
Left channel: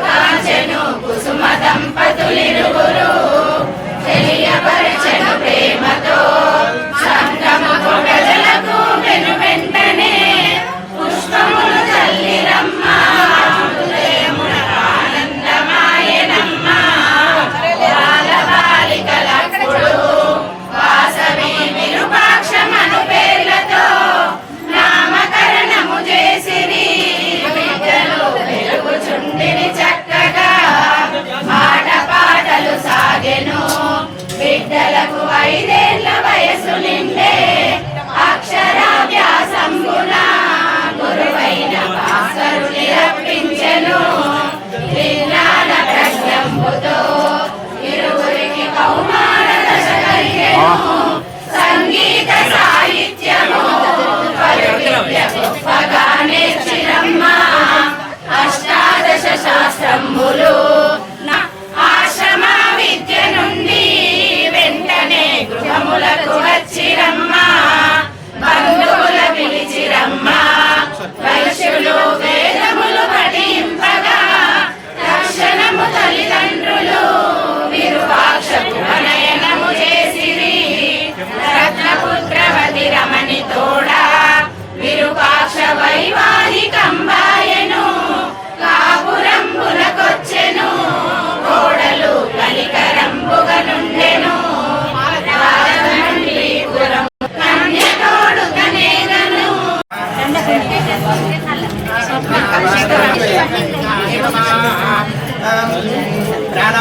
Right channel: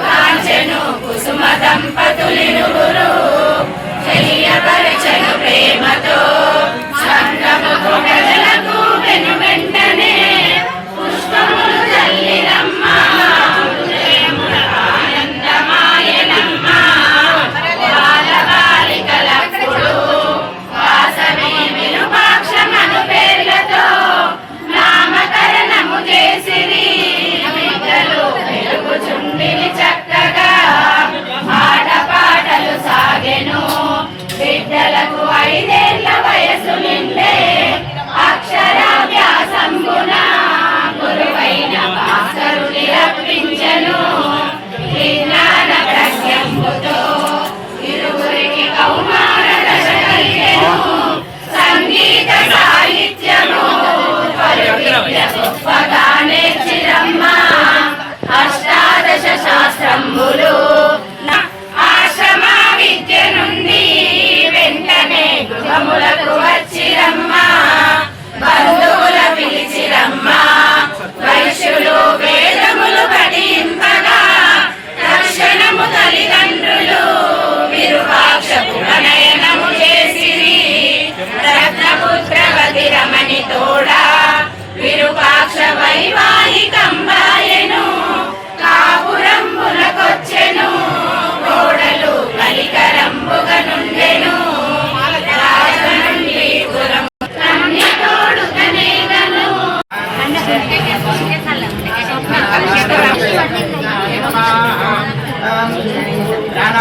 కాంచెను కుసుమ దంపతులిరువురు తెలియపరచెను ప్రేమతో సంగము ప్రజలకు వెను వెంటనే పుష్పములు తల్లిరమ్మ హృదయమున ఆనందమాయనమ్మ బాలబాలికలప్పుడు వాసవి విరూపాక్షమను పేర్లతో నామకరణము చేసిరి బిడ్డలు పెరుగుచుండిని చక్కగా ఆటపాటలు సాగెను బిడ్డలకు 5 ఏళ్ల వయసు నిండే అక్షరాభ్యాసంబున గురువైన భాస్కరుని రప్పించెను విజ్ఞాన ప్రజ్ఞంబుతో ఇరువురికి కౌమార దశ కలిగెను సంగీత సాహిత్యము విద్య గొప్పగా నేర్చిరమ్మ అష్టాదశ శాస్త్రంబులు ఆశ్రమ విద్య నుండి వెంటనే గృహములకు వచ్చిరమ్మ బంధువుల పిలిచిరమ్మ వైశ్యులు వేదములు పఠింపగా రక్షణము తల్లిదండ్రులు విరూపాక్షకు ప్రణయనము చేసిరి రత్నపుత్రవతి రమణి తోడా విరూపాక్ష వైవాహికంబాయెను కాపురంబులకొచ్చెను కోడలు కలికరంబుగా నుండెను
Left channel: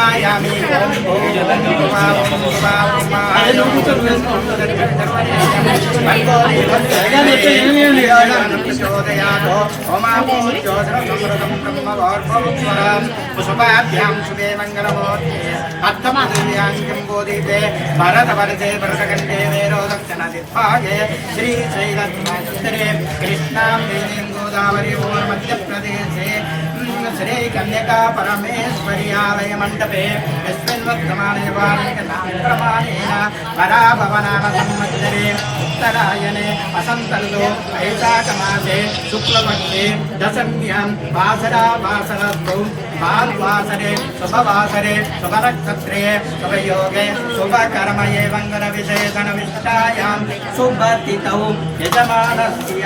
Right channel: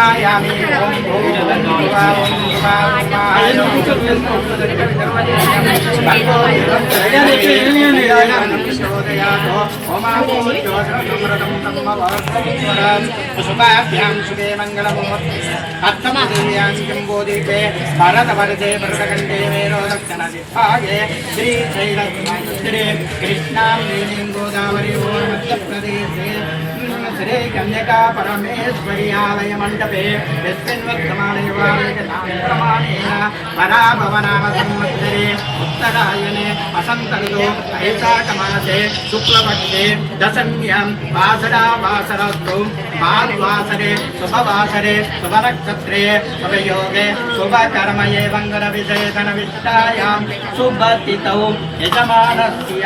ध्यायामि ओम भूर्भुवः पुष्पाभ्यां शुभे मंगलमूर्ते अर्थमदिव्यां किंबोधिते भरतवर्षे भरतकण्ठे मेरोदक्षिणदिग्भागे श्रीशैलत्रे कृष्णां देवीं गोदावरी मध्यप्रदेशे श्री कन्यका परमेश्वरी आलय मंडपे यस्मिन् वर्तमाने प्रमाणेन पराभवनाम संवत्सरे उत्तरायणे वसन्तऋतौ वैशाखमासे शुक्लपक्षे दशम्यां वासरावासरस्तु भाद्वासरे शुभवासरे शुभनक्षत्रे शुभयोगे शुभकर्मये मङ्गलविशेषणविष्टायां शुभतिथौ यजमानस्य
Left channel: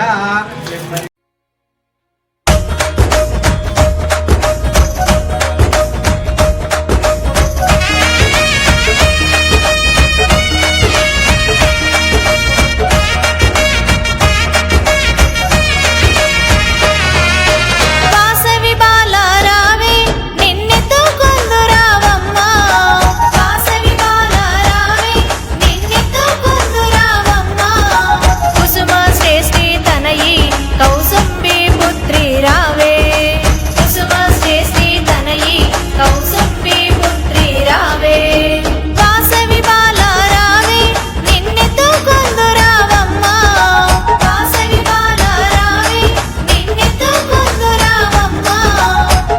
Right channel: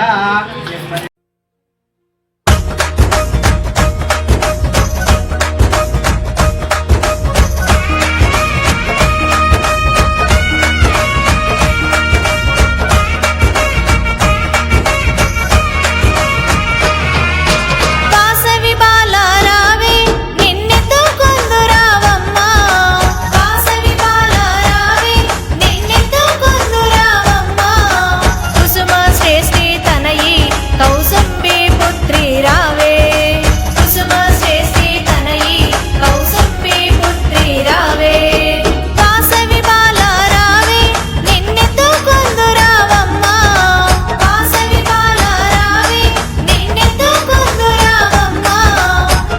వాసవి బాలారావే నిన్నెత్తుకొందు రావమ్మా వాసవి బాలారావే నిన్నెత్తుకొందు రావమ్మా కుసుమ శ్రేష్ఠి తనయి కౌసుంబి పుత్రి రావే కుసుమ శ్రేష్ఠి తనయి కౌసుంబి పుత్రి రావే వాసవి బాలారావే నిన్నెత్తుకొందు రావమ్మా వాసవి బాలారావే నిన్నెత్తుకొందు రావమ్మా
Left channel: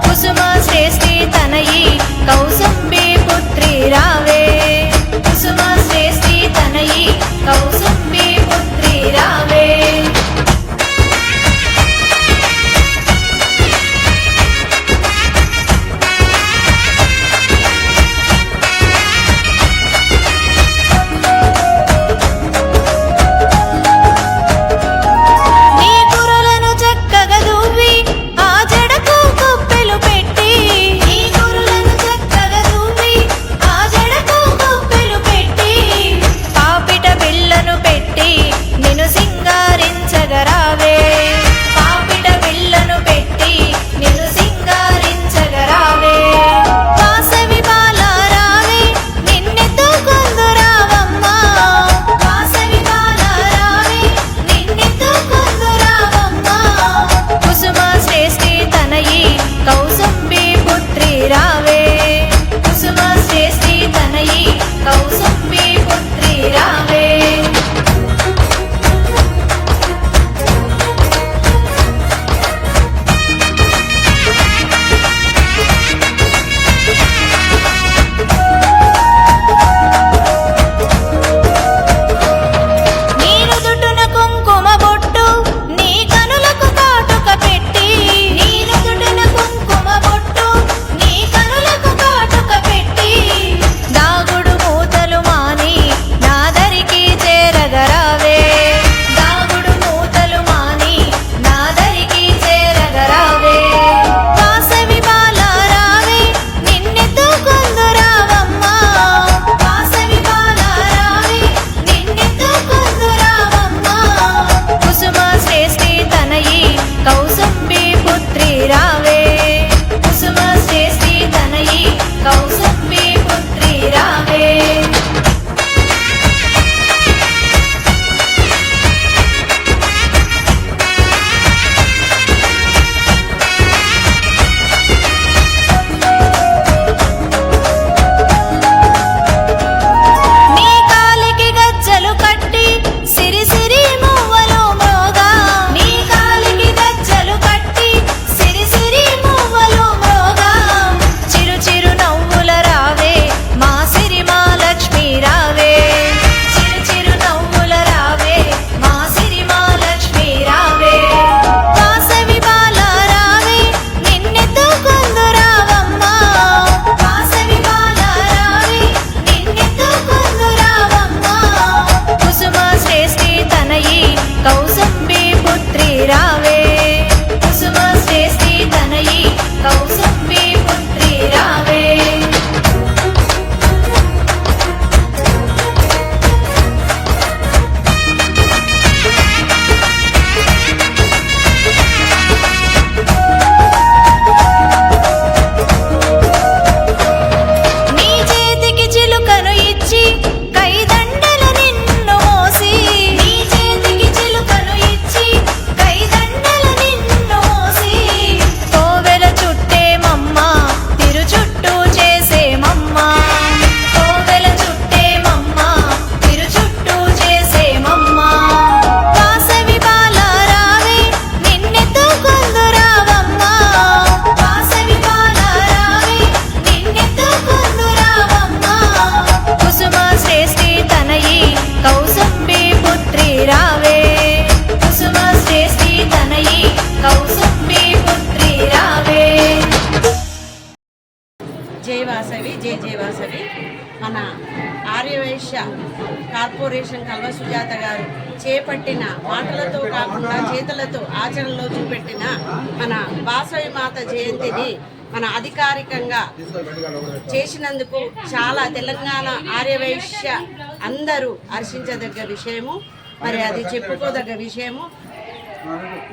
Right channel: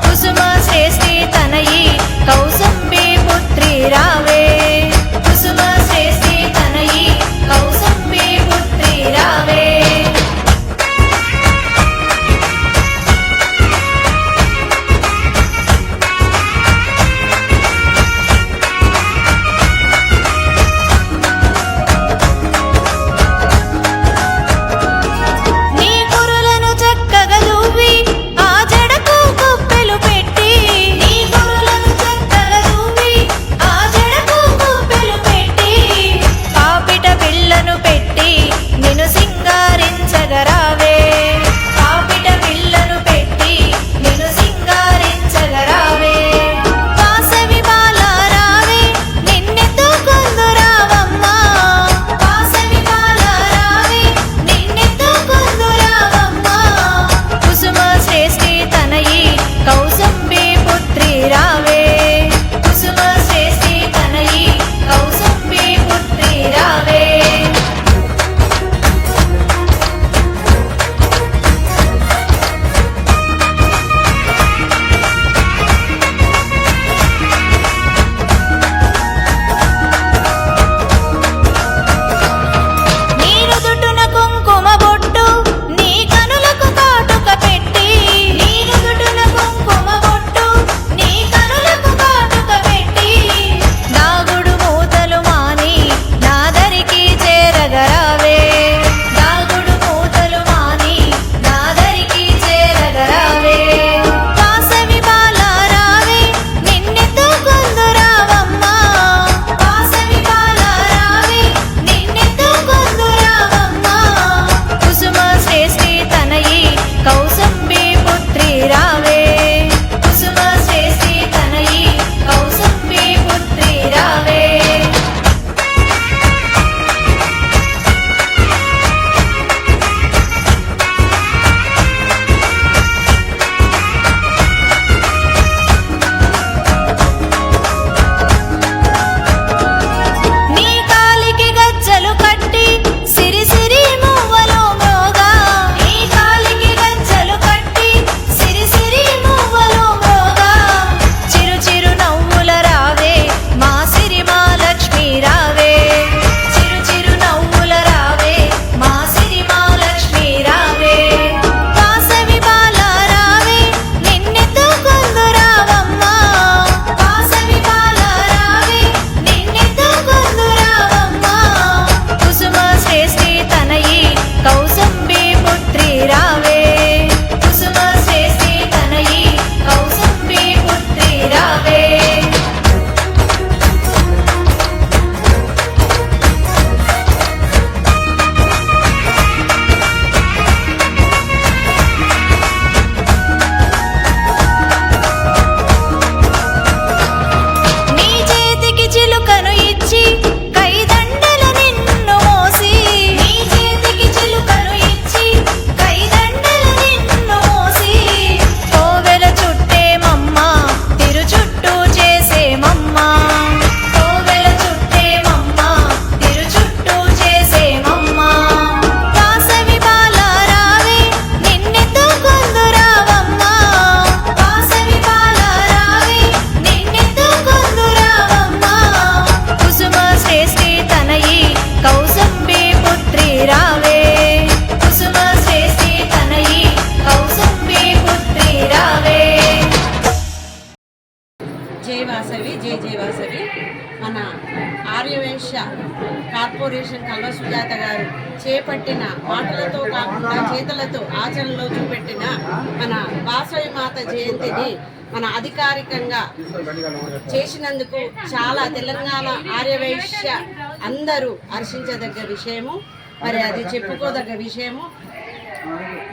కుసుమ శ్రేష్ఠి తనయి కౌసుంబి పుత్రి రావే కుసుమ శ్రేష్ఠి తనయి కౌసుంబి పుత్రి రావే నీ కురులను చక్కగా దువ్వి ఆ జడకు కుప్పెలు పెట్టి నీ కురులను చక్కగా దువ్వి చేసేమమ్మా కోవెల చుట్టేమమ్మా తిరు చుట్టూ చేసేమమ్మా వాసవి బాల రావే నిన్నెత్తుకొందు రావమ్మా వాసవి బాల రావే నిన్నెత్తుకొందు రావమ్మా కుసుమ శ్రేష్ఠి తనయి కౌసంబి పుత్రి రావే కుసుమ శ్రేష్ఠి తనయి కౌసంబి పుత్రి రావే. జై వాసవి జై జై వాసవి. మన ఆర్యవైశ్య కార్పొరేషన్ కల్వ సుజాత గారు చేపట్టిన మాటలతో కాకుండా చేతులతో ఆచరణలో చూపెట్టిన మన వాసవి మాత జయంతిని మన అధికారికంగా చేసినందుకు చాలా తెలంగాణ ఆర్యవైశ్య అందరూ హర్షించదగ్గ విషయము. మరి అది చెప్పుకోదగ్గ విషయము.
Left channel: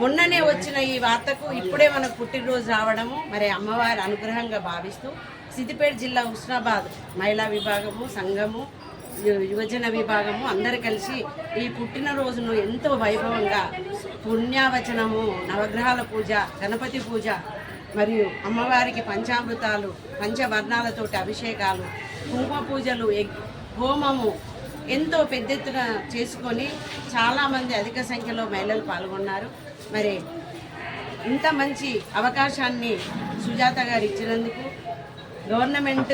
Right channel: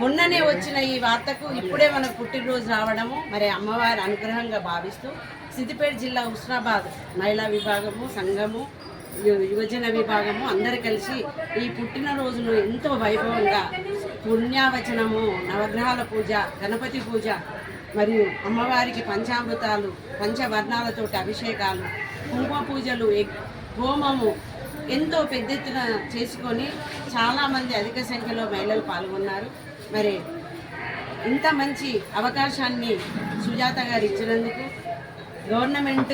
మొన్ననే వచ్చిన ఈ వార్తకు ఇప్పుడే మనకు పుట్టినరోజు రావడము మరి అమ్మవారి అనుగ్రహంగా భావిస్తూ సిద్దిపేట జిల్లా హుస్నాబాద్ మహిళా విభాగము సంఘము యువజన విభాగము అందరు కలిసి ఈ పుట్టినరోజును ఎంతో వైభవంగా పుణ్యావచనము, నవగ్రహాల పూజ, గణపతి పూజ మరియు అమ్మవారికి పంచామృతాలు, పంచవర్ణాలతోటి అభిషేకాలు, కుంకుమ పూజలు, హోమము ఎంతో పెద్ద ఎత్తున చేసుకొని చాలామంది అధిక సంఖ్యలో మహిళలు పాల్గొన్నారు. మరి ఇంత మంచి అవకాశాన్ని సుజాత గారు ఇచ్చినందుకు గవర్నమెంట్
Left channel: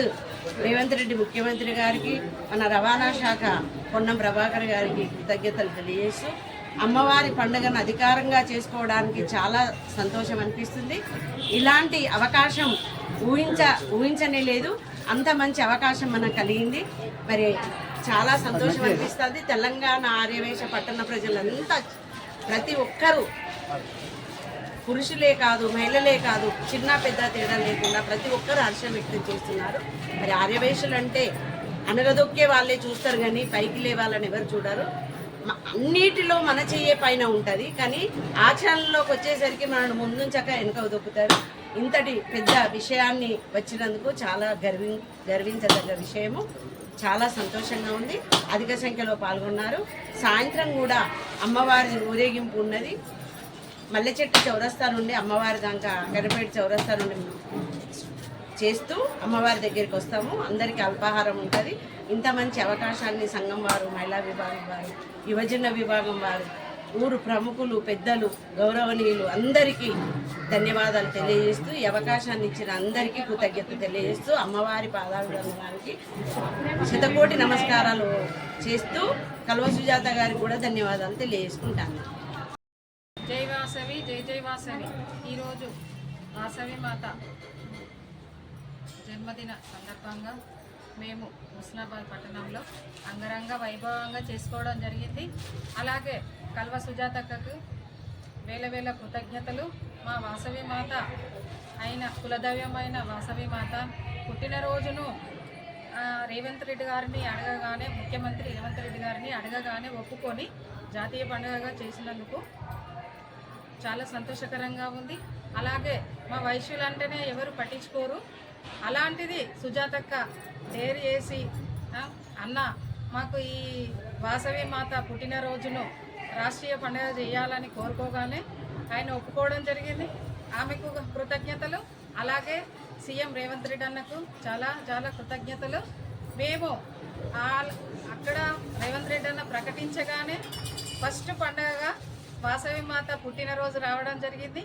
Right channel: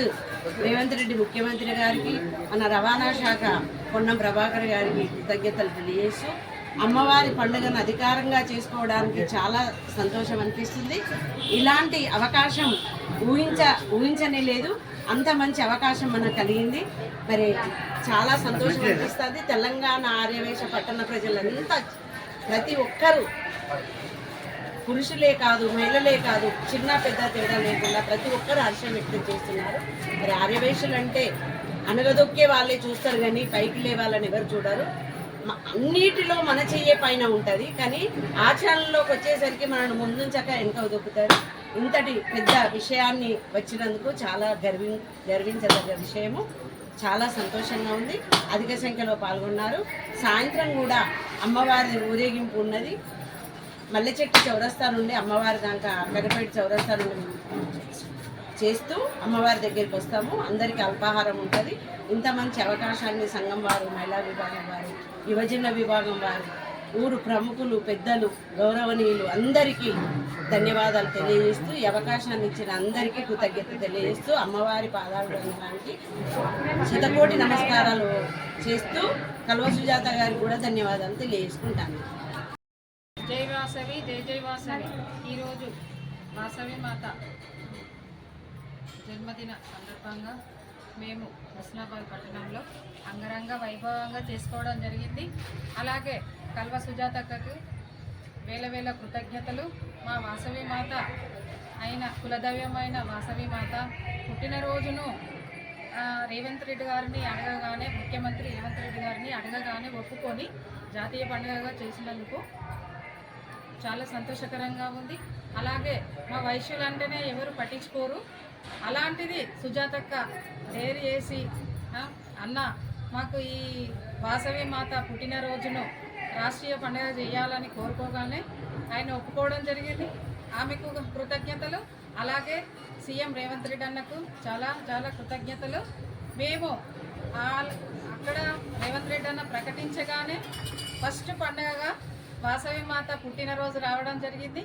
రేవంత్ రెడ్డి ముఖ్యమంత్రి గారికి, మన రవాణా శాఖ పొన్నం ప్రభాకర్ గారికి కృతజ్ఞతలు తెలియజేస్తూ అమ్మవారి పండుగను అధికారంగా చేసుకోవడానికి చాలా సంతోషం అనిపిస్తుంది. ఇలాంటి అవకాశం ఊహించనే లేదు. అంత మంచి అవకాశం మనకు కలిగింది. మరి చాలా సంతోషం అనిపిస్తుంది. తెలంగాణ ఆర్యవేశ పట్టణ ప్రజలంతా ప్రతి ఒక్కరూ పురుషులే కాదు మహిళలే కాదు చిన్న పెద్ద తేడా లేకుండా ప్రతి ఒక్కరూ హర్షం వ్యక్తం చేస్తున్నారు. మరి ఆర్యవేశులు అంటే అనగదొక్కే వాళ్ళే చూస్తారు కానీ పైకి లేవాలని ఎవరు చూడరు. అన్నిటిలో మన చెయ్యే పైన ఉంటుంది కానీ ఆచరణలోకి వచ్చేసరికి మనల్ని ముందుంచక వెనుక దొక్కుతారు. ఇంతటి పెద్ద విషయాన్ని వచ్చినందుకు చాలా గర్వించదగ్గ విషయము. చాలా సంతోషంగా ఉంది. అధిక సంఖ్యలో పాల్గొన్నారు. సాయంత్రం కూడా అమ్మవారి ఊరేగింపు ఉన్నది. మల్లెచెట్టు చౌరస్తా నుండి అమ్మవారి దాకా గణపేట చౌరస్తా నుండి చేస్తూ అమ్మవారి దగ్గరికి వస్తాము. అందరికీ అల్పాహారం ఉంటుంది. ఇంత మంచి అవకాశాన్ని సంఘం వారు, మహిళా విభాగం వారు, యువజన విభాగం వారు, ఊరు ప్రముఖులు, పెద్దలు, గౌరవనీయులు అందరికీ ధన్యవాదాలు తెలియజేస్తూ ఈ అవకాశాన్ని ఇచ్చిన అందరికీ కృతజ్ఞత తెలియజేస్తూ అమ్మవారి పాదాభివందనానికి శతకోటి నమస్కారాలు చేస్తూ కల్వ సుజాత గారికి కూడా ధన్యవాదాలు తెలియజేసుకుంటాను. జై వాసవి జై జై వాసవి. ఈరోజు వాసవి మాత జన్మదిన సందర్భంగా మేము హుస్నాబాద్ పట్టణంలో అంగరంగ వైభవంగా చేసుకోవడం జరిగింది. అలాగే కల్వ సుజాతక్కకు వేల వేల కృతజ్ఞతలు. మా వాసవి మాత అయిన కులదైవమైన వాసవి మాత పుట్టినరోజును రేవంత్ రెడ్డి గారిని అడగగానే, ముఖ్యమంత్రి రేవంత్ రెడ్డి గారిని అడగగానే ఒప్పుకొని జాతీయ పండుగగా చేసినందుకు చాలా సంతోషకరంగా ఉంది. అలాగే మా వైశ్యులు అంటేనే ఎవరు పట్టించుకోరు. అలాంటిది సుజాతక్క డేర్ చేసి అన్న మాకు ఈ వాసవి మాత పుట్టినరోజును రాష్ట్రీయ పండుగ చేయాలని కోరుకోగానే ఆయన ఒప్పుకోవడం జరిగింది. ఆమెకు కృతజ్ఞతలు. అలాగే సీఎం రేవంత్ రెడ్డి అన్నకు చాలా చాలా కృతజ్ఞతలు. మేము అక్కడ రేవంత్ రెడ్డి అన్న ప్రకటించగానే ఫస్ట్ పండుగగా వాసవి మాత పుట్టినరోజు రావడం జరిగింది.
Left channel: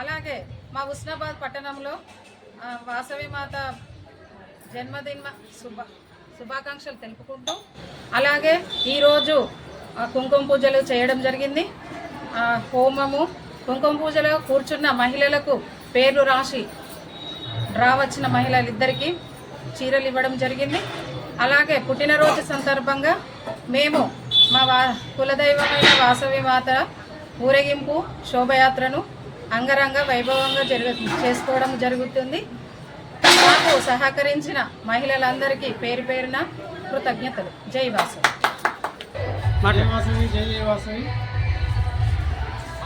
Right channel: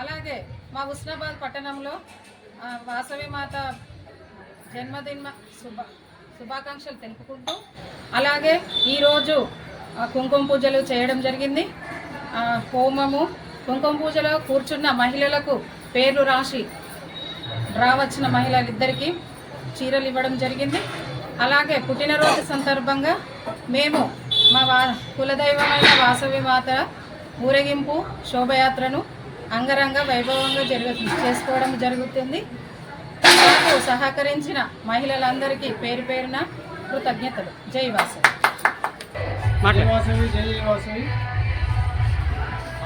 అలాగే మా హుస్నాబాద్ పట్టణంలో వాసవి మాత జన్మదిన శుభాకాంక్షలు తెలుపుకుంటూ అలాగే ఈరోజు కుంకుమ పూజలు చేయడం జరిగింది. హోమము, కుంకుమ పూజలో కూర్చున్న మహిళలకు పేర్లు రాసి డ్రా వచ్చిన మహిళలిద్దరికీ చీరలు ఇవ్వడం జరిగింది. అలాగే పుట్టినరోజు సందర్భంగా మేము మా కులదైవమైన వాసవి మాత ఊరేగింపు శోభయాత్రను అంగరంగ వైభవంగా చేసుకోవడం జరుగుతుంది. మాకు సహకరించిన మహిళలందరికీ పేరు పేరున కృతజ్ఞతలు. జై వాసవి. జై వాసవి జై జై వాసవి.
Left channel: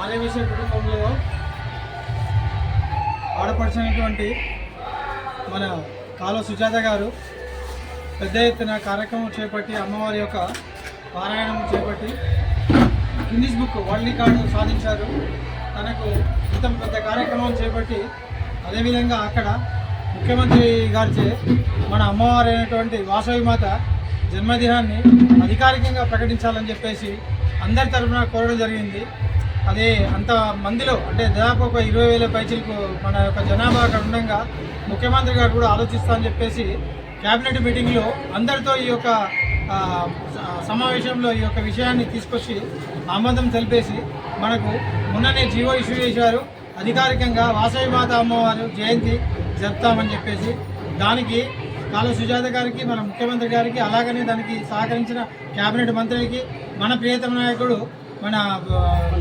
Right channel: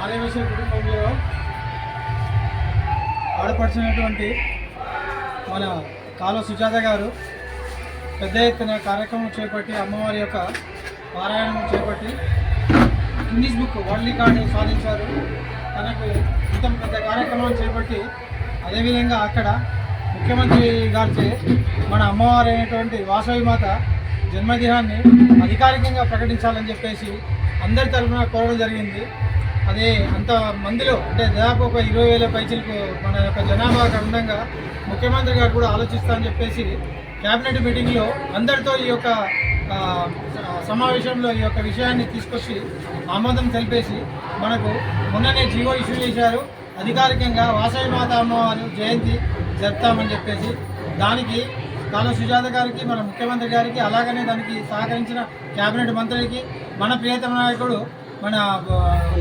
ఆర్యవేశ కుటుంబంలో ఆడపడిచినటువంటి మన కాలువ సుజాత గారు పెద్ద ఎత్తున కార్యక్రమం చేపట్టి అమ్మవారి యొక్క పారాయణం చేపట్టి గిన్నిస్ బుక్ వరల్డ్ రికార్డు సాధించారు. తనకు ఇంత పెద్ద కార్యక్రమం చేపట్టి అదేవిధంగా అక్కడ ముఖ్యమంత్రి గారిచే మన అమ్మవారు అయినటువంటి వాసవి మాత జన్మదినాన్ని అధికారికంగా ప్రకటించాలని చెప్పేసి అందరి తరఫున కోరడం జరిగింది. అదే అంత మందిలో అంటే దాదాపు ఒక 20,000 పైచీలకు మన యొక్క జనాభా అక్కడ ఉండగా ముఖ్యమంత్రి గారు కూడా ఆలోచిస్తా అని చెప్పేసి క్యాబినెట్ మీటింగ్లో అందరితో ఈ యొక్క సమావేశంలో ఈ యొక్క విషయాన్ని తీసుకొచ్చి ఆమోదం తెలిపేసి మనకు మొన్ననే జీవో ఇష్యూ చేశారు. అధికారికంగా వాసవి మాత అమ్మవారు జయంతి జరుపుతామని చెప్పేసి దానికి కాళ సుజాత గారికి మన ముఖ్యమంత్రి గారికి అలాగనే దానికి సహకరించిన క్యాబినెట్ మంత్రికి మన ప్రియతమ నాయకుడు మన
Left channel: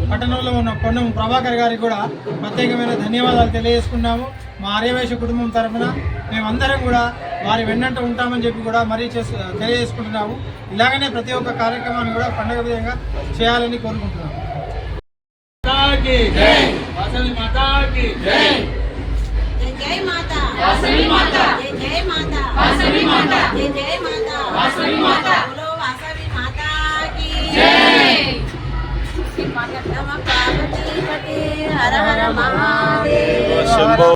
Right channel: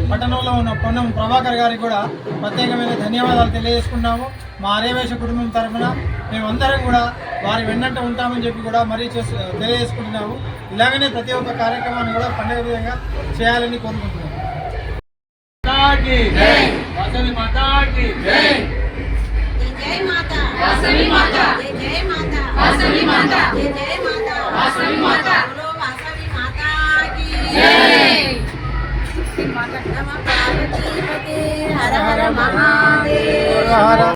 పట్టణంలో ఉన్న పొన్నం ప్రభాకర్ గారికి కూడా ప్రత్యేకమైన ధన్యవాదాలు తెలియజేసుకున్నాము. మా ఆర్యవైశ్య కుటుంబం తరఫున మేమందరం కూడా వారి వెన్నంట ఉంటామని చెప్పి కూడా మరీ తెలియజేసుకుంటున్నాము. ఇలాగనే ప్రతి ఒక్క కార్యక్రమాన్ని కూడా పండగ విధంగా చేయాలని కోరుకుంటున్నాము. జై మాతా వాసవి మాతా జై మాతా వాసవి మాతా జై మాతా వాసవి మాతా బోలో వాసవి మాతా की జై నమః పార్వతీ పతే హర హర మహాదేవ.